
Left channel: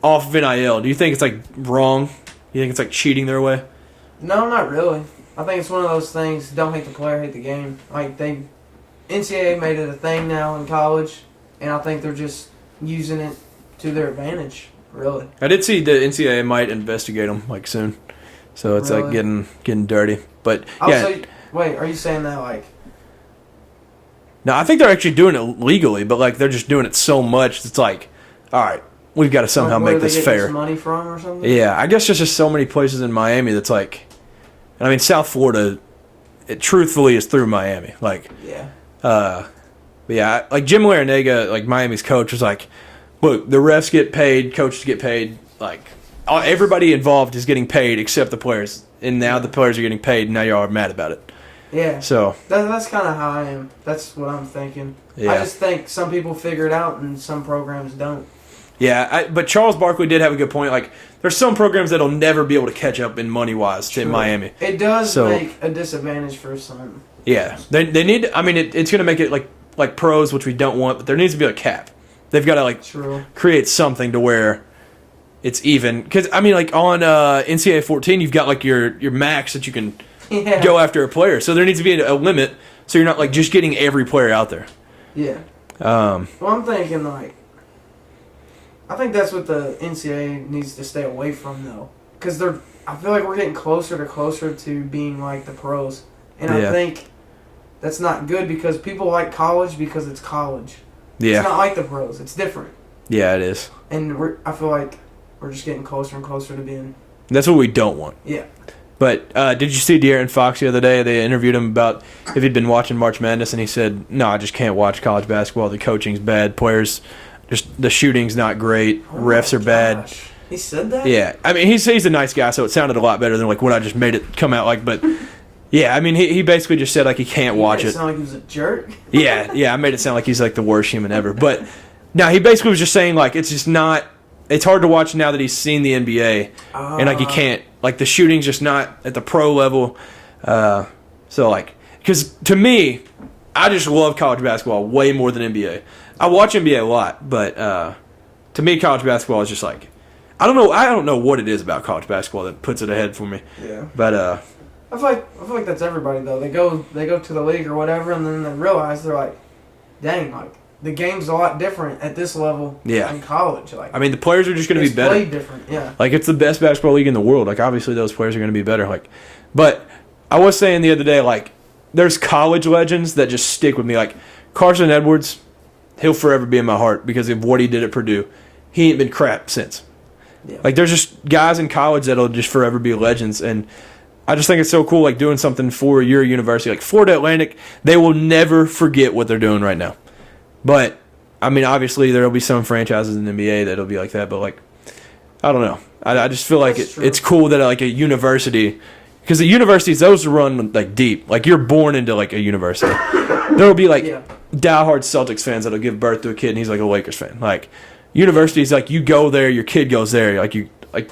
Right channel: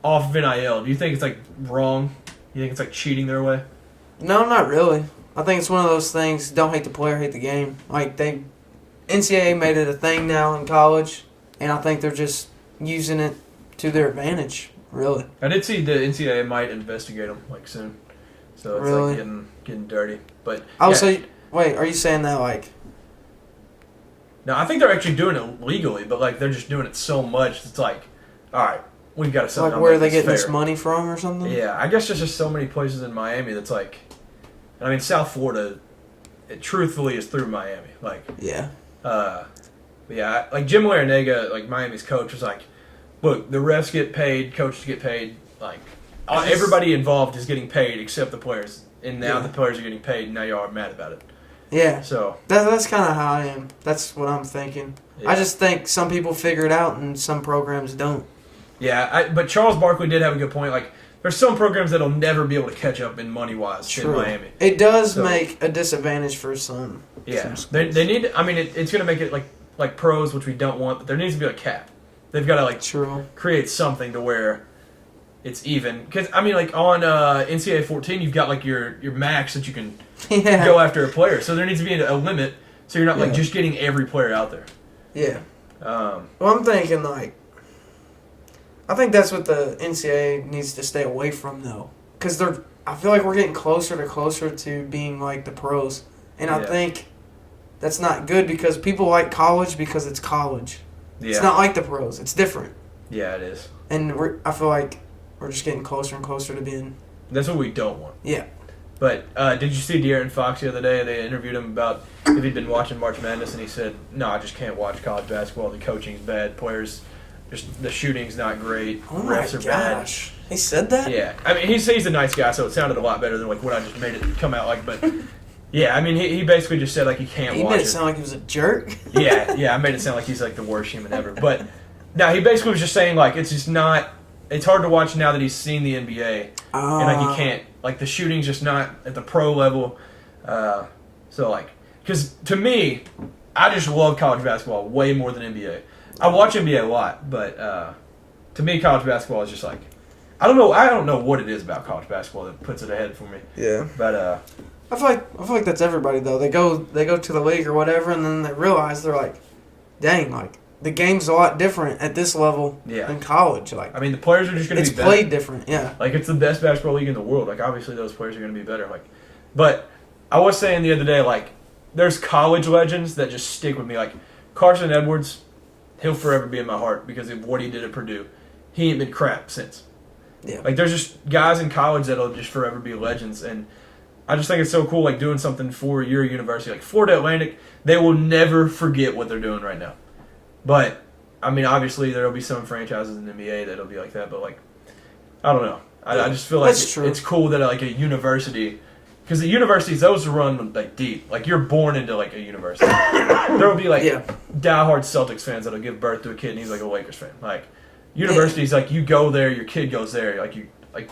off of NIL. Do you think it's like wrong? You think it's like cheating their way? No, not really. I think it's one of those things, don't hate the player, hate the game. Like, NCAA made it a thing now in college, and I think they're just using it to their advantage, really. I did see the NCAA might investigate them, like, soon. So it's, Really? like, getting dirty. But, Also, wait, are you saying that, like... No, I think they're actually doing it legally, but, like, they're just doing it so much, it's like, all right, we've got to somehow where make they this get fair. this money from or something? Yeah, I guess there's just so many places in Miami that's like, I mean, South Florida, it truthfully is through Miami. Like, Yeah. but yeah, like Jim Larinaga, like Miami's coach, was like, look, the refs get paid, coaches get paid, like everybody involved is getting paid except the players, and now the players are getting paid, and now y'all are mad about it. Yeah. So That's kind of how I am. That's what I'm thinking. yeah. I just think some people figure it out and some programs don't. Yeah, but Charles Barkley did have a good point. Like, there's some programs that'll never be able to catch up in money-wise in Miami. It does So- make a disadvantage for some. Yeah, they need. I mean, it's going to make it like pros, which we don't want, but there needs to be a cap. They've got to like True. create something to where it's even. Because I mean, like on NCAA 14, you've got like your max that you can Yeah. go after a player. So there needs to be a limit, so you're not like just getting every player out there. Yeah. Um, Well, I'm thinking like, I think that's what the NCAA needs to stay away from though, because I feel like we're getting closer to being like the pros, and I Yeah. think that's not good because people like college because it's college. yeah, It's not like the pros. It's different, yeah, it is. and I feel like we're just getting closer and closer to being. That's what we don't want. Yeah. But did you see De'Aaron Fox the other day? They interviewed him about if he'd been watching March Madness, and he said, "No, I just can't watch college basketball. The coaching's bad. Players, just the shooting's not great. Oh Refs my are bad." gosh. He said that? Yeah, I mean he's a nice guy, so it sounded a lot better than like what I just made it come out like. But yeah, I mean he basically just said like he can't He watch made it it. sound like he was a jerk. Yeah, I made it sound like he's like the worst human ever. But no, he basically was just saying like it's just not. It's hard to watch now that he's seen the NBA, and like he can't. Like the shooting's just not at the pro level. So like, because to me, I just love college basketball way more than NBA. I watch NBA a lot, but to me, college basketball is just like, I don't know what it is about college basketball that puts it ahead for me. Yeah. But I feel like that's everybody though. They go to the league or whatever, and then they realize they're like, dang, like the game's a lot different at this level Yeah. in college. Like I mean, the players are just going to it's be better. played different. Yeah. Like it's the best basketball league in the world. Like obviously those players are going to be better. Like, but I was saying the other day, like there's college legends that just stick with me. Like Carson Edwards, he'll forever be in my heart because of what he did at Purdue. He ain't been crap since. Yeah. Like there's just guys in college that'll just forever be legends, and I just think it's so cool. Like doing something for your university, like Florida Atlantic, they will never forget what they're doing right now. But I mean, obviously there will be some franchises in the NBA that'll be like that, but like I don't know. I just feel like That's true. it's cool that like a university, because the universities those run like deep. Like you're born into like a university. There'll be like Yeah. diehard Celtics fans that'll give birth to a kid and he's like a Lakers fan. Like universities, like you go there, your kid goes there. Like you like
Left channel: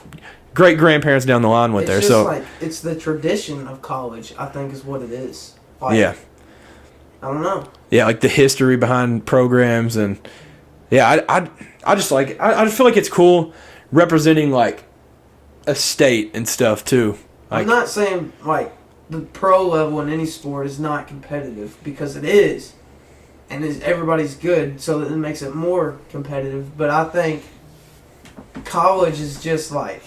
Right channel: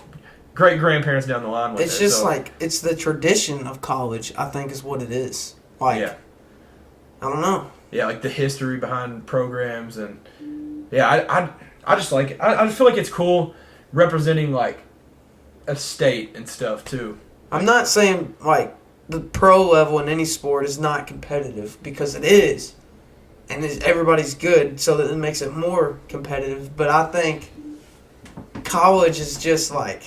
great grandparents down the line went It's there. just So like it's the tradition of college. I think is what it is. Like, yeah, I don't know. yeah, like the history behind programs and yeah, I just like it. I just feel like it's cool representing like a state and stuff too. Like, I'm not saying like the pro level in any sport is not competitive because it is, and everybody's good, so that it makes it more competitive. But I think college is just like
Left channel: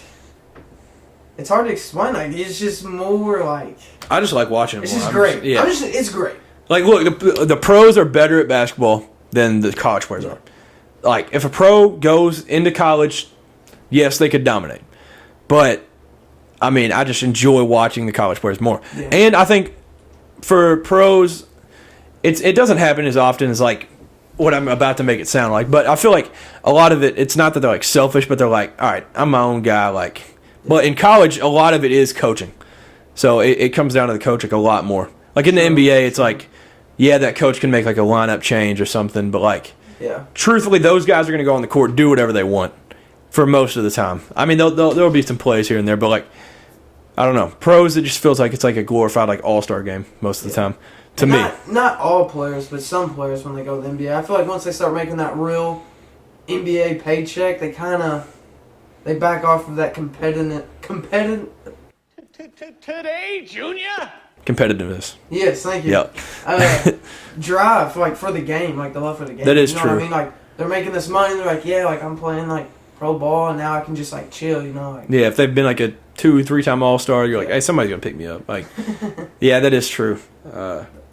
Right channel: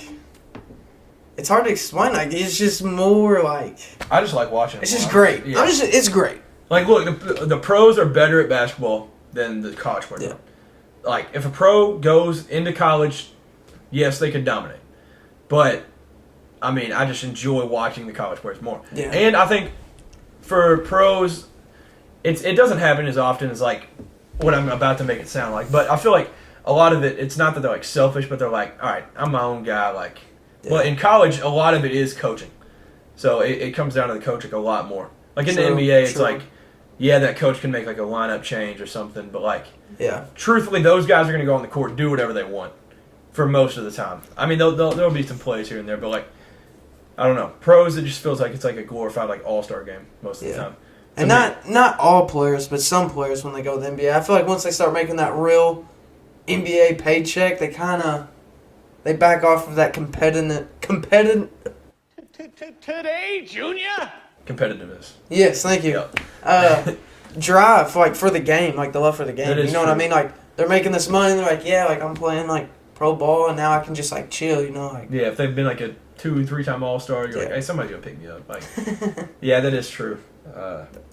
it's hard to explain. Like it's just more like I just like watching it. it's more. just I'm great. yeah. It's great. Like, look, the pros are better at basketball than the college players are. Like, if a pro goes into college, yes, they could dominate. But, I mean, I just enjoy watching the college players more. Yeah. And I think for pros, it doesn't happen as often as, like, what I'm about to make it sound like. But I feel like a lot of it, it's not that they're, like, selfish, but they're like, all right, I'm my own guy. Like, But in college, a lot of it is coaching. So it comes down to the coaching a lot more. Like in the NBA, it's like, yeah, that coach can make like a lineup change or something, but like, truthfully, those guys are going to go on the court and do whatever they want for most of the time. I mean, there'll be some plays here and there, but like, I don't know. Pros, it just feels like it's like a glorified like all-star game most of the time. To me. Not all players, but some players when they go to the NBA. I feel like once they start making that real NBA paycheck, they back off of that competitive Today, Junior. Competitiveness. Yes, thank you. Yep. Drive like for the game, like the love for the game. That is you know true. what I mean? Like they're making this money, and they're like, yeah, like I'm playing like pro ball, and now I can just like chill, you know? Like yeah, if they've been like a 2 or 3 time All-Star, you're like, hey, somebody's gonna pick me up. Like, yeah, that is true.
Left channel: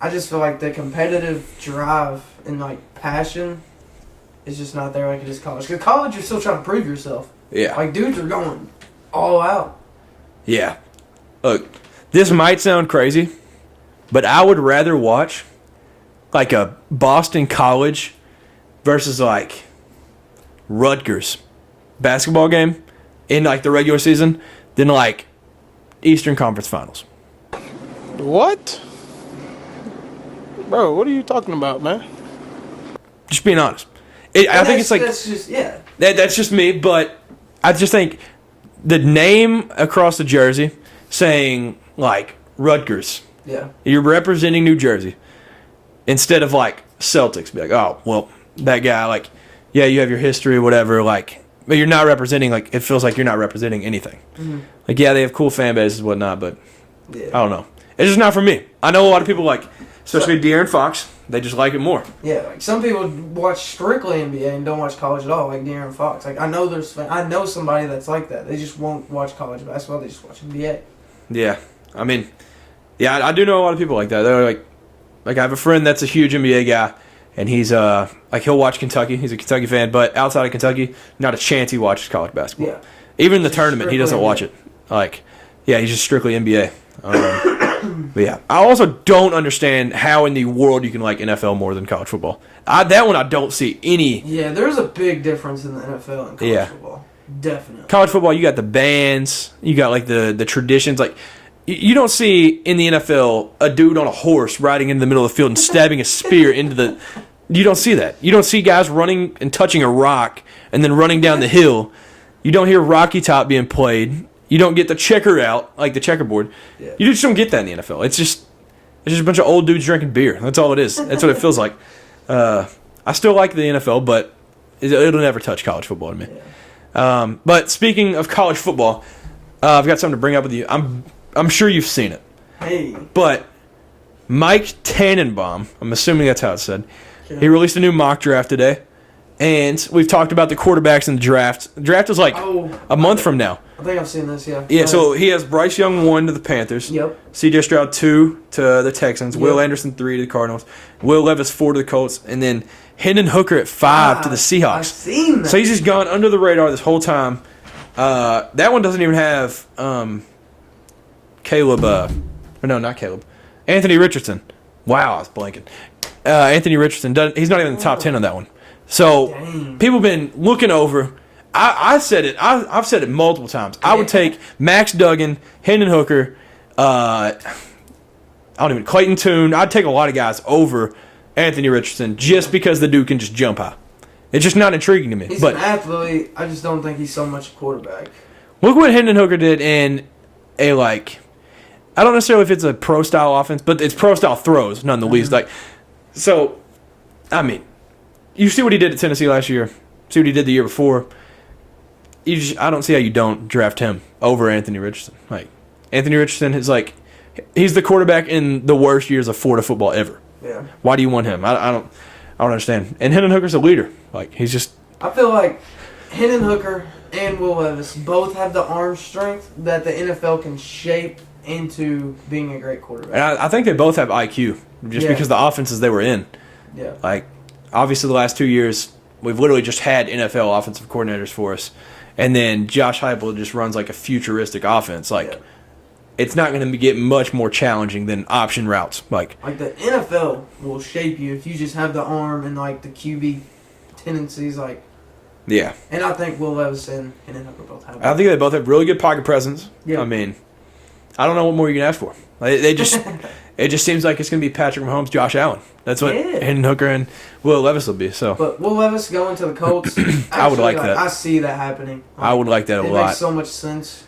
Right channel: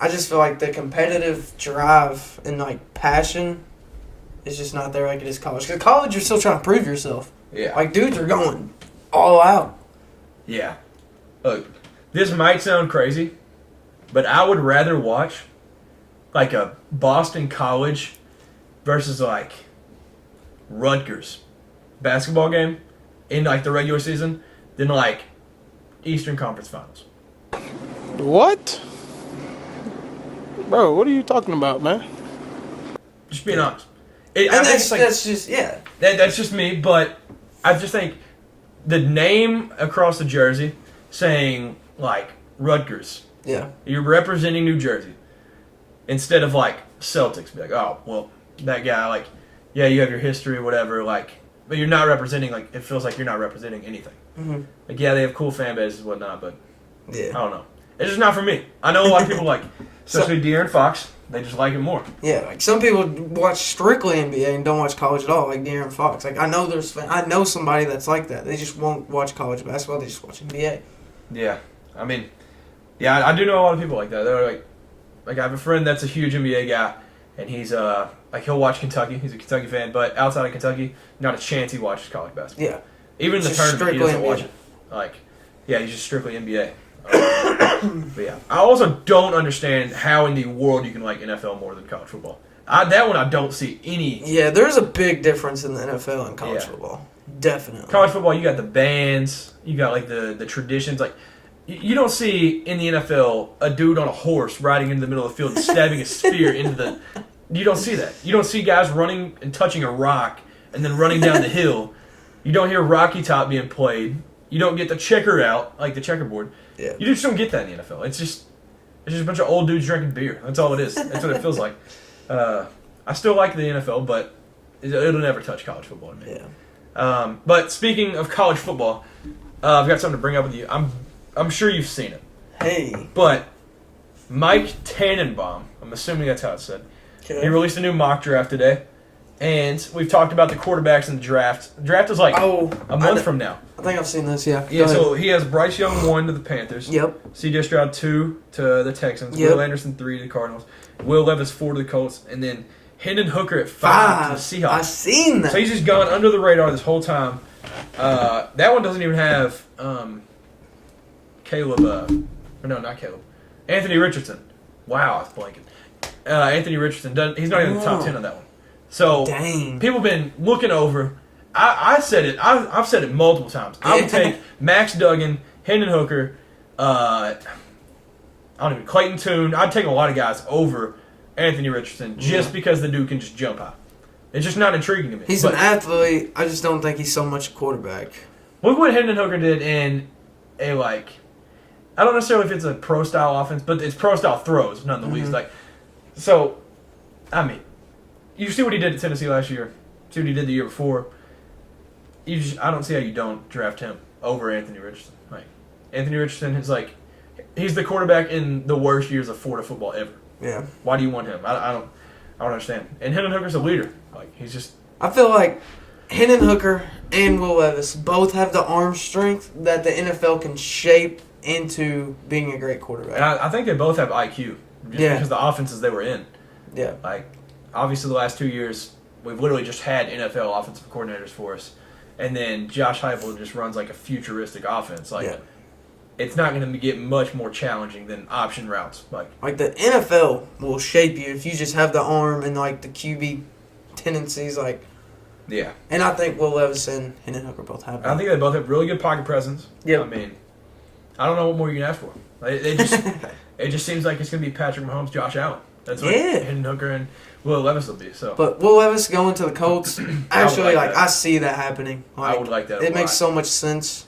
I just feel like the competitive drive and like passion is just not there like it is college. Because college, you're still trying to prove yourself. Yeah. Like dudes are going all out. Yeah. Look, this might sound crazy, but I would rather watch like a Boston College versus like Rutgers basketball game in like the regular season than like Eastern Conference Finals. What? Bro, what are you talking about, man? Just being honest. I think it's like that's just that's just me, but I just think the name across the jersey saying like Rutgers. Yeah. You're representing New Jersey instead of like Celtics. Be like, oh, well, that guy, like, yeah, you have your history, whatever, like, but you're not representing, like, it feels like you're not representing anything. Mm-hmm. Like, yeah, they have cool fan bases and whatnot, but Yeah. I don't know. It's just not for me. I know a lot of people like, especially De'Aaron Fox, they just like it more. Yeah, like some people watch strictly NBA and don't watch college at all, like De'Aaron Fox. Like I know somebody that's like that. They just won't watch college basketball. They just watch NBA. Yeah. I mean, yeah, I do know a lot of people like that. They're like I have a friend that's a huge NBA guy, and he's like he'll watch Kentucky. He's a Kentucky fan, but outside of Kentucky, not a chance he watches college basketball. Yeah. Even in the Just tournament, he doesn't strictly watch NBA. it. Like, yeah, he's just strictly NBA. But yeah, I also don't understand how in the world you can like NFL more than college football. That one I don't see any. Yeah, there's a big difference in the NFL and college Yeah. football. Definitely. College football, you got the bands, you got like the traditions. Like, you don't see in the NFL a dude on a horse riding into the middle of the field and stabbing a spear into the. You don't see that. You don't see guys running and touching a rock and then running down the hill. You don't hear Rocky Top being played. You don't get the checker out, like the checkerboard. Yeah. You just don't get that in the NFL. It's just a bunch of old dudes drinking beer. That's all it is. That's what it feels like. I still like the NFL, but it'll never touch college football to me. Yeah. But speaking of college football, I've got something to bring up with you. I'm sure you've seen it. Hey. But Mike Tannenbaum, I'm assuming that's how it's said, Okay. he released a new mock draft today. And we've talked about the quarterbacks in the draft. The draft is like a month from now. I think I've seen this. Yeah. Yeah, Go so ahead. he has Bryce Young 1 to the Panthers. Yep. C.J. Stroud 2 to the Texans. Yep. Will Anderson 3 to the Cardinals. Will Levis 4 to the Colts. And then Hendon Hooker at 5 to the Seahawks. I've seen that. So he's just gone under the radar this whole time. That one doesn't even have Caleb. No, not Caleb. Anthony Richardson. Wow, I was blanking. Anthony Richardson. He's not even in the top 10 on that one. So Dang. people have been looking over. I said it. I've said it multiple times. I would take Max Duggan, Hendon Hooker, Clayton Tune. I'd take a lot of guys over Anthony Richardson just because the dude can just jump high. It's just not intriguing to me. He's but an athlete. I just don't think he's so much quarterback. look what Hendon Hooker did in a I don't necessarily if it's a pro style offense, but it's pro style throws none the least. So, I mean, you see what he did at Tennessee last year. See what he did the year before. I don't see how you don't draft him over Anthony Richardson. Like, Anthony Richardson is he's the quarterback in the worst years of Florida football ever. Yeah. Why do you want him? I don't understand. And Hendon Hooker's a leader. He's just. I feel like Hendon Hooker and Will Levis both have the arm strength that the NFL can shape into being a great quarterback. And I think they both have IQ just Yeah. because the offenses they were in. Yeah. Obviously, the last 2 years, we've literally just had NFL offensive coordinators for us. And then Josh Heupel just runs a futuristic offense. Yeah. It's not going to get much more challenging than option routes. Like the NFL will shape you if you just have the arm and the QB tendencies. Yeah. And I think Will Levis and Hendon Hooker both have it. I think they both have really good pocket presence. Yep. I mean, I don't know what more you can ask for. They just it just seems like it's going to be Patrick Mahomes, Josh Allen. That's what Hendon Hooker and Will Levis will be. So, but Will Levis going to the Colts, actually, like that. I see that happening. I would like that a It lot. makes so much sense,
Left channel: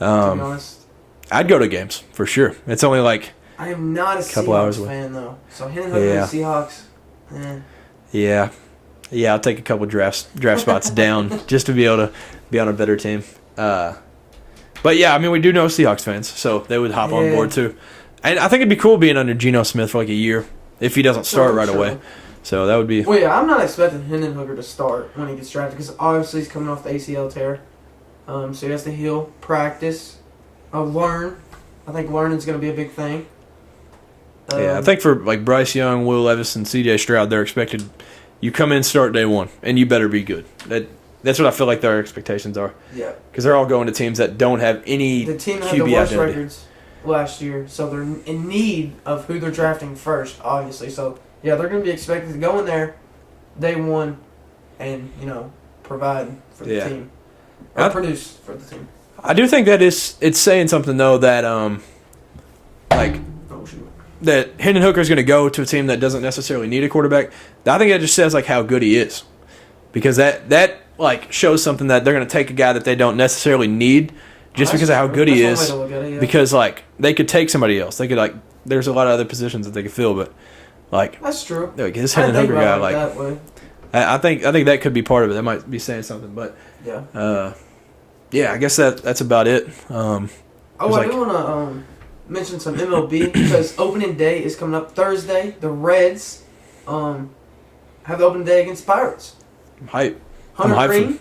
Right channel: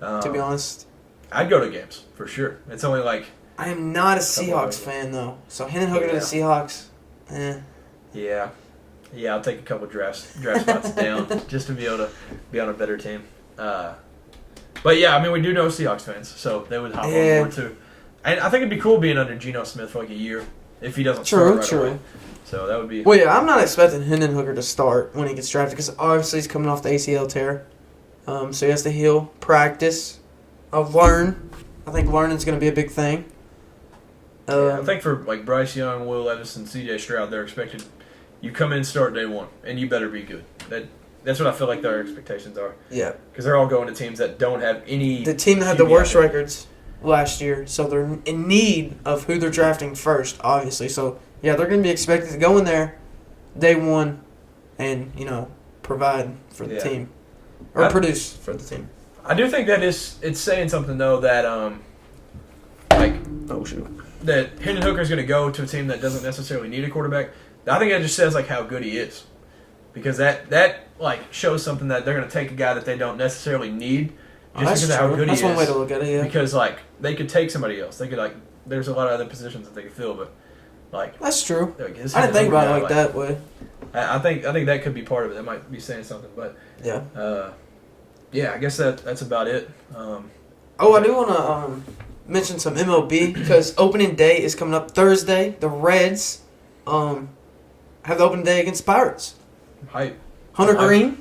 to be honest. I'd go to games for sure. It's only like I am not a couple hours Seahawks away. fan, though. So Hendon Hooker Yeah. and the Seahawks, yeah. I'll take a couple draft spots down just to be able to be on a better team. But yeah, I mean, we do know Seahawks fans, so they would hop on Yeah. board too. And I think it'd be cool being under Geno Smith for like a year if he doesn't start right away. So that would be. Well, yeah, I'm not expecting Hendon Hooker to start when he gets drafted because obviously he's coming off the ACL tear. So he has to heal, practice, learn. I think learning's going to be a big thing. Yeah, I think for like Bryce Young, Will Levis, and C.J. Stroud, they're expected. You come in, start day one, and you better be good. That's what I feel like their expectations are. Yeah. Because they're all going to teams that don't have any. The team that had QB the worst identity. records last year, so they're in need of who they're drafting first, obviously. So, yeah, they're going to be expected to go in there day one and, provide for the Yeah. team. Or produce for the team. I do think that it's saying something though that Oh, shoot. that Hendon Hooker is going to go to a team that doesn't necessarily need a quarterback. I think that just says like how good he is, because that like shows something that they're going to take a guy that they don't necessarily need just That's because of how true. good he That's is. one way to look at it, yeah. Because like they could take somebody else. They could like there's a lot of other positions that they could fill, but like That's true. like his I Hendon didn't think Hooker guy, about it like that way. I think that could be part of it. That might be saying something, but Yeah. yeah, I guess that's about it. Oh, I like- do want to mention some MLB because opening day is coming up Thursday. The Reds have the opening day against Pirates. I'm hype. Hunter I'm hyped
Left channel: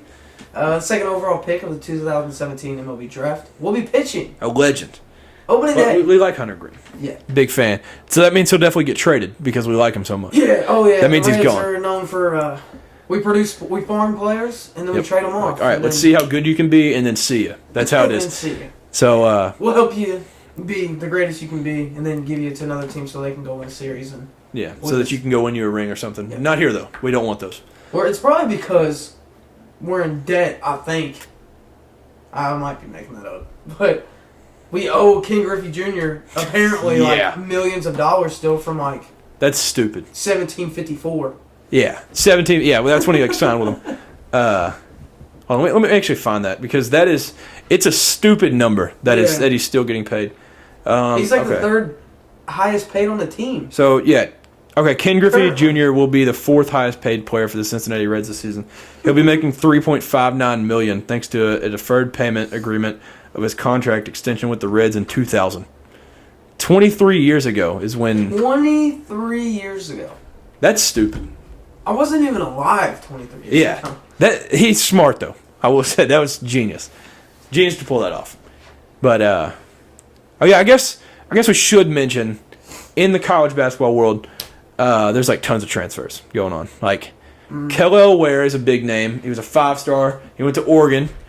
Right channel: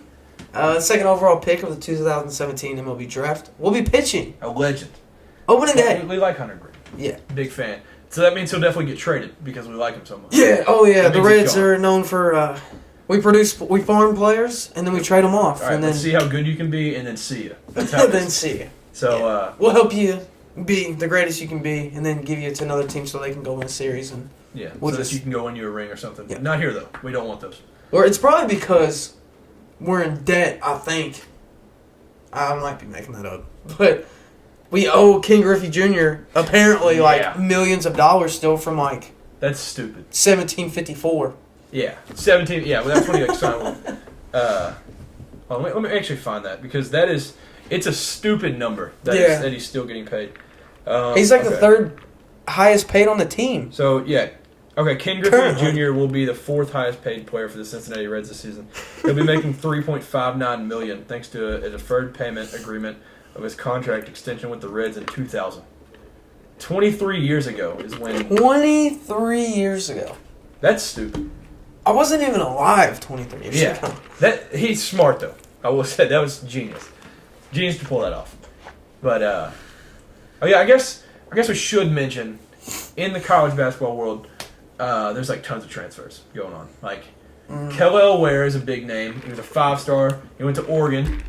Green, second overall pick of the 2017 MLB draft, will be pitching A legend. opening But day. we like Hunter Green. Yeah. Big fan. So that means he'll definitely get traded because we like him so much. Yeah. Oh yeah. That The means he's Reds gone. are known for we farm players and then we Yep. trade them off. All right, and let's then, see how good you can be, and then see ya. That's how it then is. see you. So, We'll help you be the greatest you can be, and then give you to another team so they can go win a series. And yeah, We'll so that just- you can go win you a ring or something. Yeah. Not here though. We don't want those. or it's probably because we're in debt. I think I might be making that up, but we owe King Griffey Jr. apparently Yeah. like millions of dollars still from like That's stupid. 1754. Yeah, 17. Yeah, well, that's when he like signed with them. Hold on, let me actually find that because it's a stupid number that Yeah. that he's still getting paid. He's like the okay. third highest paid on the team. So yeah, okay. Ken Griffey Currently. Jr. will be the fourth highest paid player for the Cincinnati Reds this season. He'll be making $3.59 million thanks to a deferred payment agreement of his contract extension with the Reds in 2000. 23 years ago is when 23 years ago. that's stupid. I wasn't even alive 23 years Yeah, ago. that he's smart though. I will say that was genius to pull that off. But oh yeah, I guess we should mention in the college basketball world, there's like tons of transfers going on. Like Kellel Ware is a big name. He was a 5-star. He went to Oregon.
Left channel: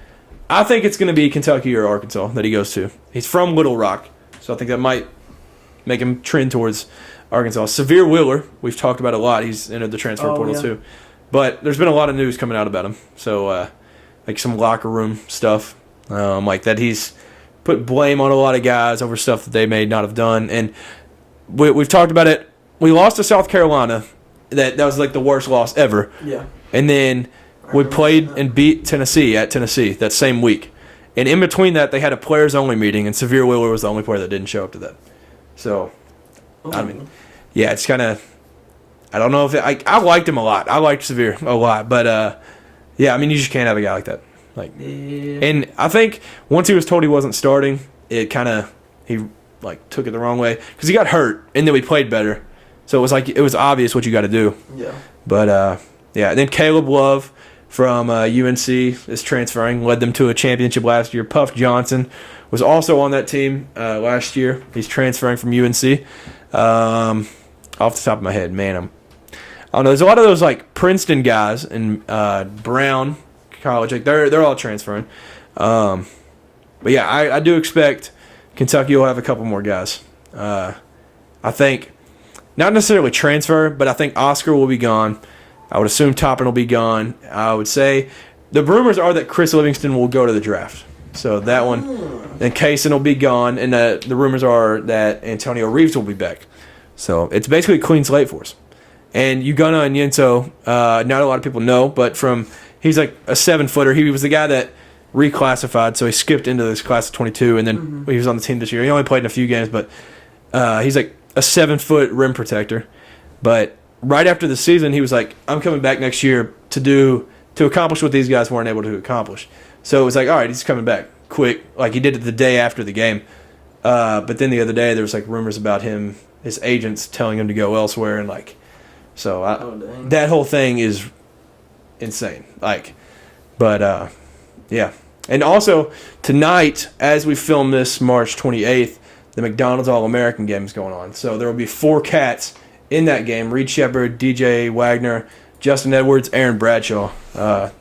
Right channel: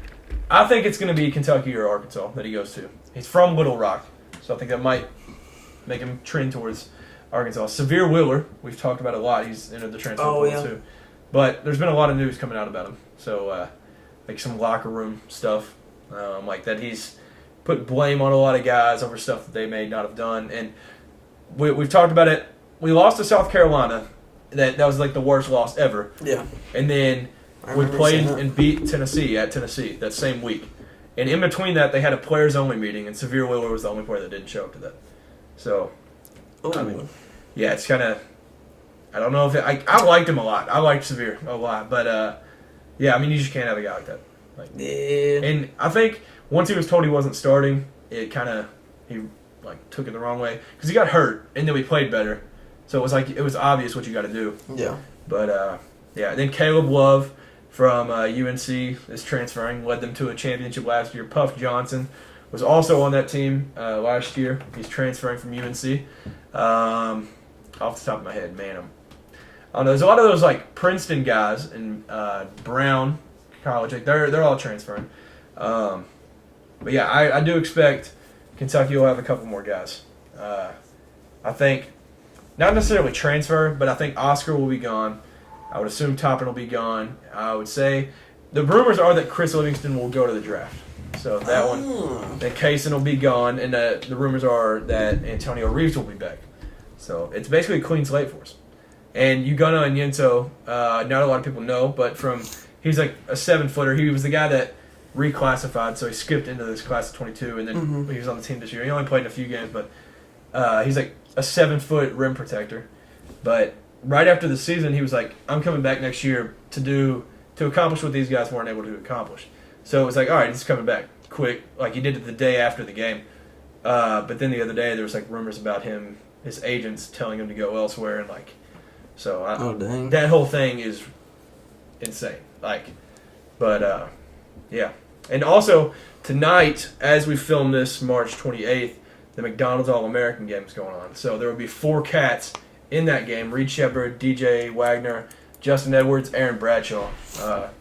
I think it's going to be Kentucky or Arkansas that he goes to. He's from Little Rock, so I think that might make him trend towards Arkansas. Severe Wheeler, we've talked about a lot. He's entered the transfer portal yeah. too. But there's been a lot of news coming out about him. So, like some locker room stuff, like that he's put blame on a lot of guys over stuff that they may not have done. And we've talked about it. We lost to South Carolina. That was like the worst loss ever. Yeah. And then I we remember played seeing that. and beat Tennessee at Tennessee that same week. And in between that, they had a players-only meeting, and Severe Wheeler was the only player that didn't show up to that. So, I mean, yeah, it's kind of – I don't know if – I liked him a lot. I liked Severe a lot. But, yeah, I mean, you just can't have a guy like that. Like, Yeah. and I think once he was told he wasn't starting, it kind of – he, like, took it the wrong way. Because he got hurt, and then we played better. So it was like – it was obvious what you got to do. Yeah. But, yeah, then Caleb Love from UNC is transferring, led them to a championship last year. Puff Johnson was also on that team last year. He's transferring from UNC. Off the top of my head, man, I don't know. There's a lot of those like Princeton guys and Brown College, like they're all transferring. But yeah, I do expect Kentucky will have a couple more guys. I think not necessarily transfer, but I think Oscar will be gone. I would assume Toppin will be gone. I would say the rumors are that Chris Livingston will go to the draft. So that one, then Kaysen will be gone, and the rumors are that Antonio Reeves will be back. So it's basically a clean slate for us. And Ugonna Onyenso, not a lot of people know, but he's like a 7-footer. He was the guy that reclassified, so he skipped into this class of 22, and then he was on the team this year. He only played in a few games, but he's like a 7-foot rim protector. But right after the season, he was like, I'm coming back next year to accomplish what these guys weren't able to accomplish. So it was like, all right, he's coming back quick, like he did it the day after the game. But then the other day, there was like rumors about his agents telling him to go elsewhere, and like, so that whole thing is insane. Like, but yeah. And also tonight, as we film this, March 28th, the McDonald's All-American game is going on. So there will be 4 Cats in that game: Reed Shepard, DJ Wagner, Justin Edwards, Aaron Bradshaw.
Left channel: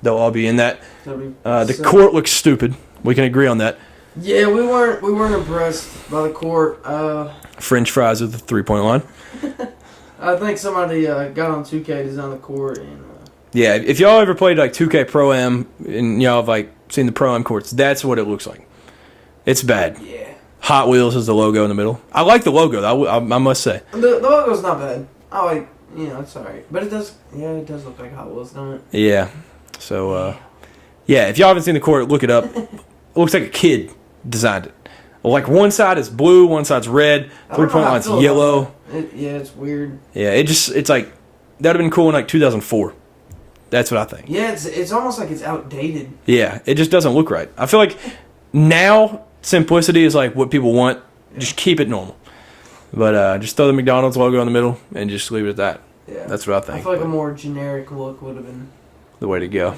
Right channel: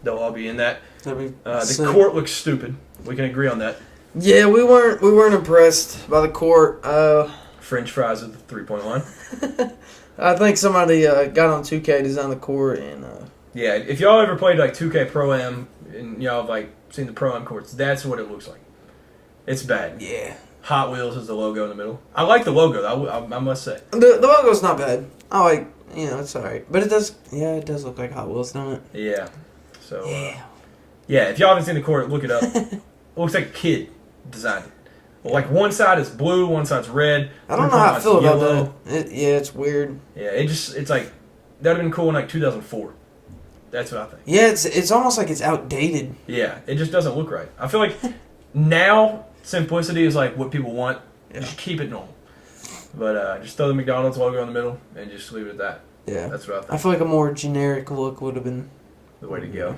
They'll all be in that. The court looks stupid. We can agree on that. Yeah, we weren't impressed by the court. French fries at the 3-point line. I think somebody got on 2K, designed the court, and yeah. If y'all ever played like 2K Pro Am and y'all have like seen the Pro Am courts, that's what it looks like. It's bad. Yeah. Hot Wheels is the logo in the middle. I like the logo. I must say. The logo's not bad. I like, it's alright, but it does look like Hot Wheels, don't it? Yeah. So yeah, if y'all haven't seen the court, look it up. It looks like a kid designed it. Like one side is blue, one side's red, 3-point line's yellow. It's weird. Yeah, it's like that would have been cool in like 2004. That's what I think. Yeah, it's almost like it's outdated. Yeah, it just doesn't look right. I feel like now simplicity is like what people want. Yeah. Just keep it normal. But just throw the McDonald's logo in the middle and just leave it at that. Yeah, that's what I think. I feel like a more generic look would have been the way to go.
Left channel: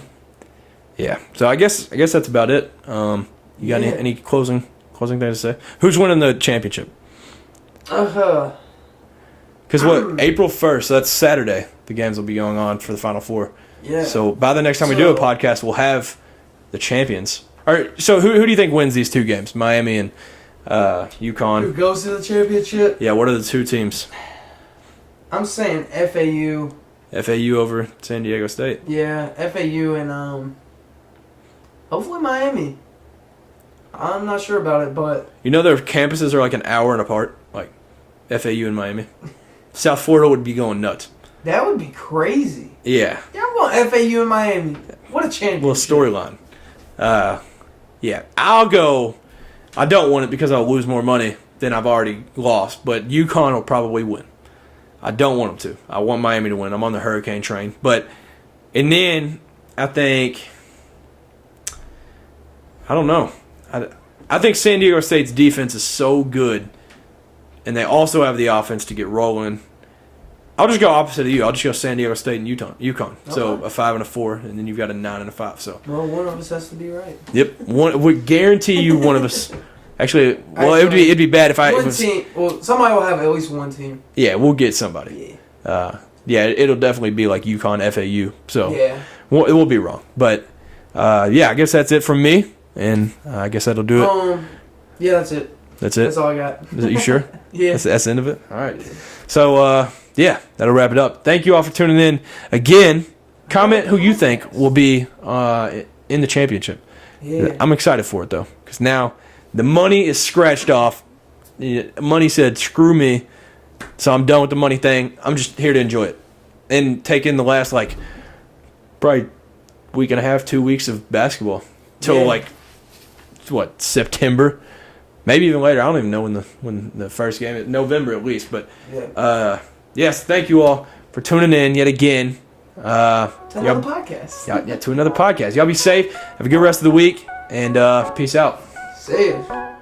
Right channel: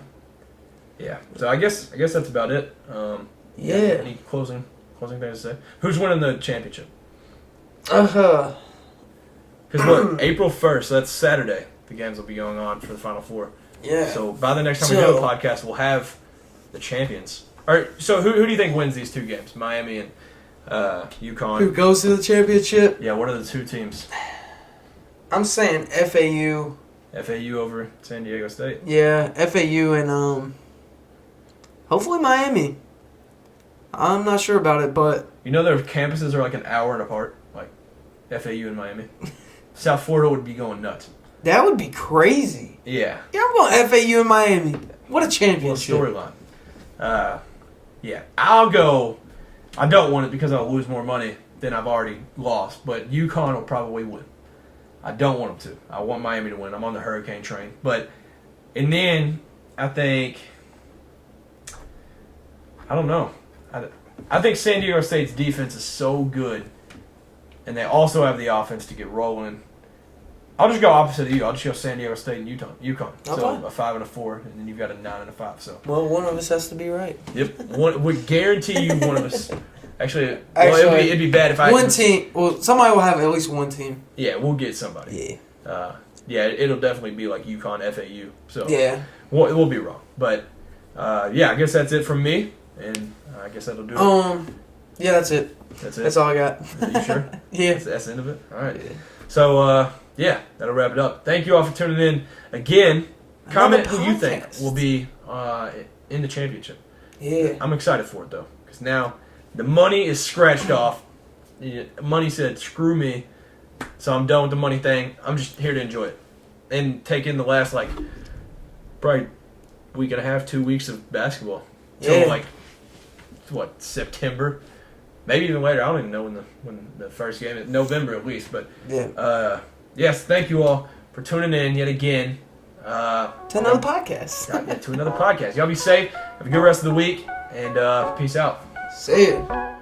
Yeah, so I guess that's about it. You got any closing thing to say? Who's winning the championship? Because April 1st, so that's Saturday. The games will be going on for the Final Four. Yeah. So by the next time we do a podcast, we'll have the champions. All right. So who do you think wins these 2 games? Miami and UConn. Who goes to the championship? Yeah. What are the 2 teams? I'm saying FAU. FAU over San Diego State. Yeah, FAU and hopefully Miami. I'm not sure about it, but their campuses are like an hour apart, like FAU and Miami. South Florida would be going nuts. That would be crazy. Yeah. Yeah, I want FAU and Miami. What a championship. Little storyline. Yeah, I'll go. I don't want it because I'll lose more money than I've already lost, but UConn will probably win. I don't want them to. I want Miami to win. I'm on the Hurricane train. And then I think, I don't know. I think San Diego State's defense is so good, and they also have the offense to get rolling. I'll just go opposite of you. I'll just go San Diego State and UConn. So a 5 and a 4, and then you've got a 9 and a 5. So one of us has to be right. Yep, we guarantee you one of us. Actually, it'd be bad if one team. Well, somebody will have at least one team. Yeah, we'll get somebody. Yeah. It'll definitely be like UConn, FAU. So yeah, it will be wrong, but yeah, I guess that's it from me, and I guess that'll do it. Yeah, that's it. That's it. That's all I got. Is it, you sure? Yeah. That's the end of it. All right. So yeah, that'll wrap it up. Thank you all for tuning in again. Comment who you think will be in the championship. Yeah. I'm excited for it though, because now the money is scratched off. Money said, "Screw me," so I'm done with the money thing. I'm just here to enjoy it and take in the last probably week and a half, 2 weeks of basketball till September, maybe even later. I don't even know when the first game is. November at least. But yes, thank you all for tuning in yet again. To another podcast. To another podcast. Y'all be safe. Have a good rest of the week, and peace out. See you.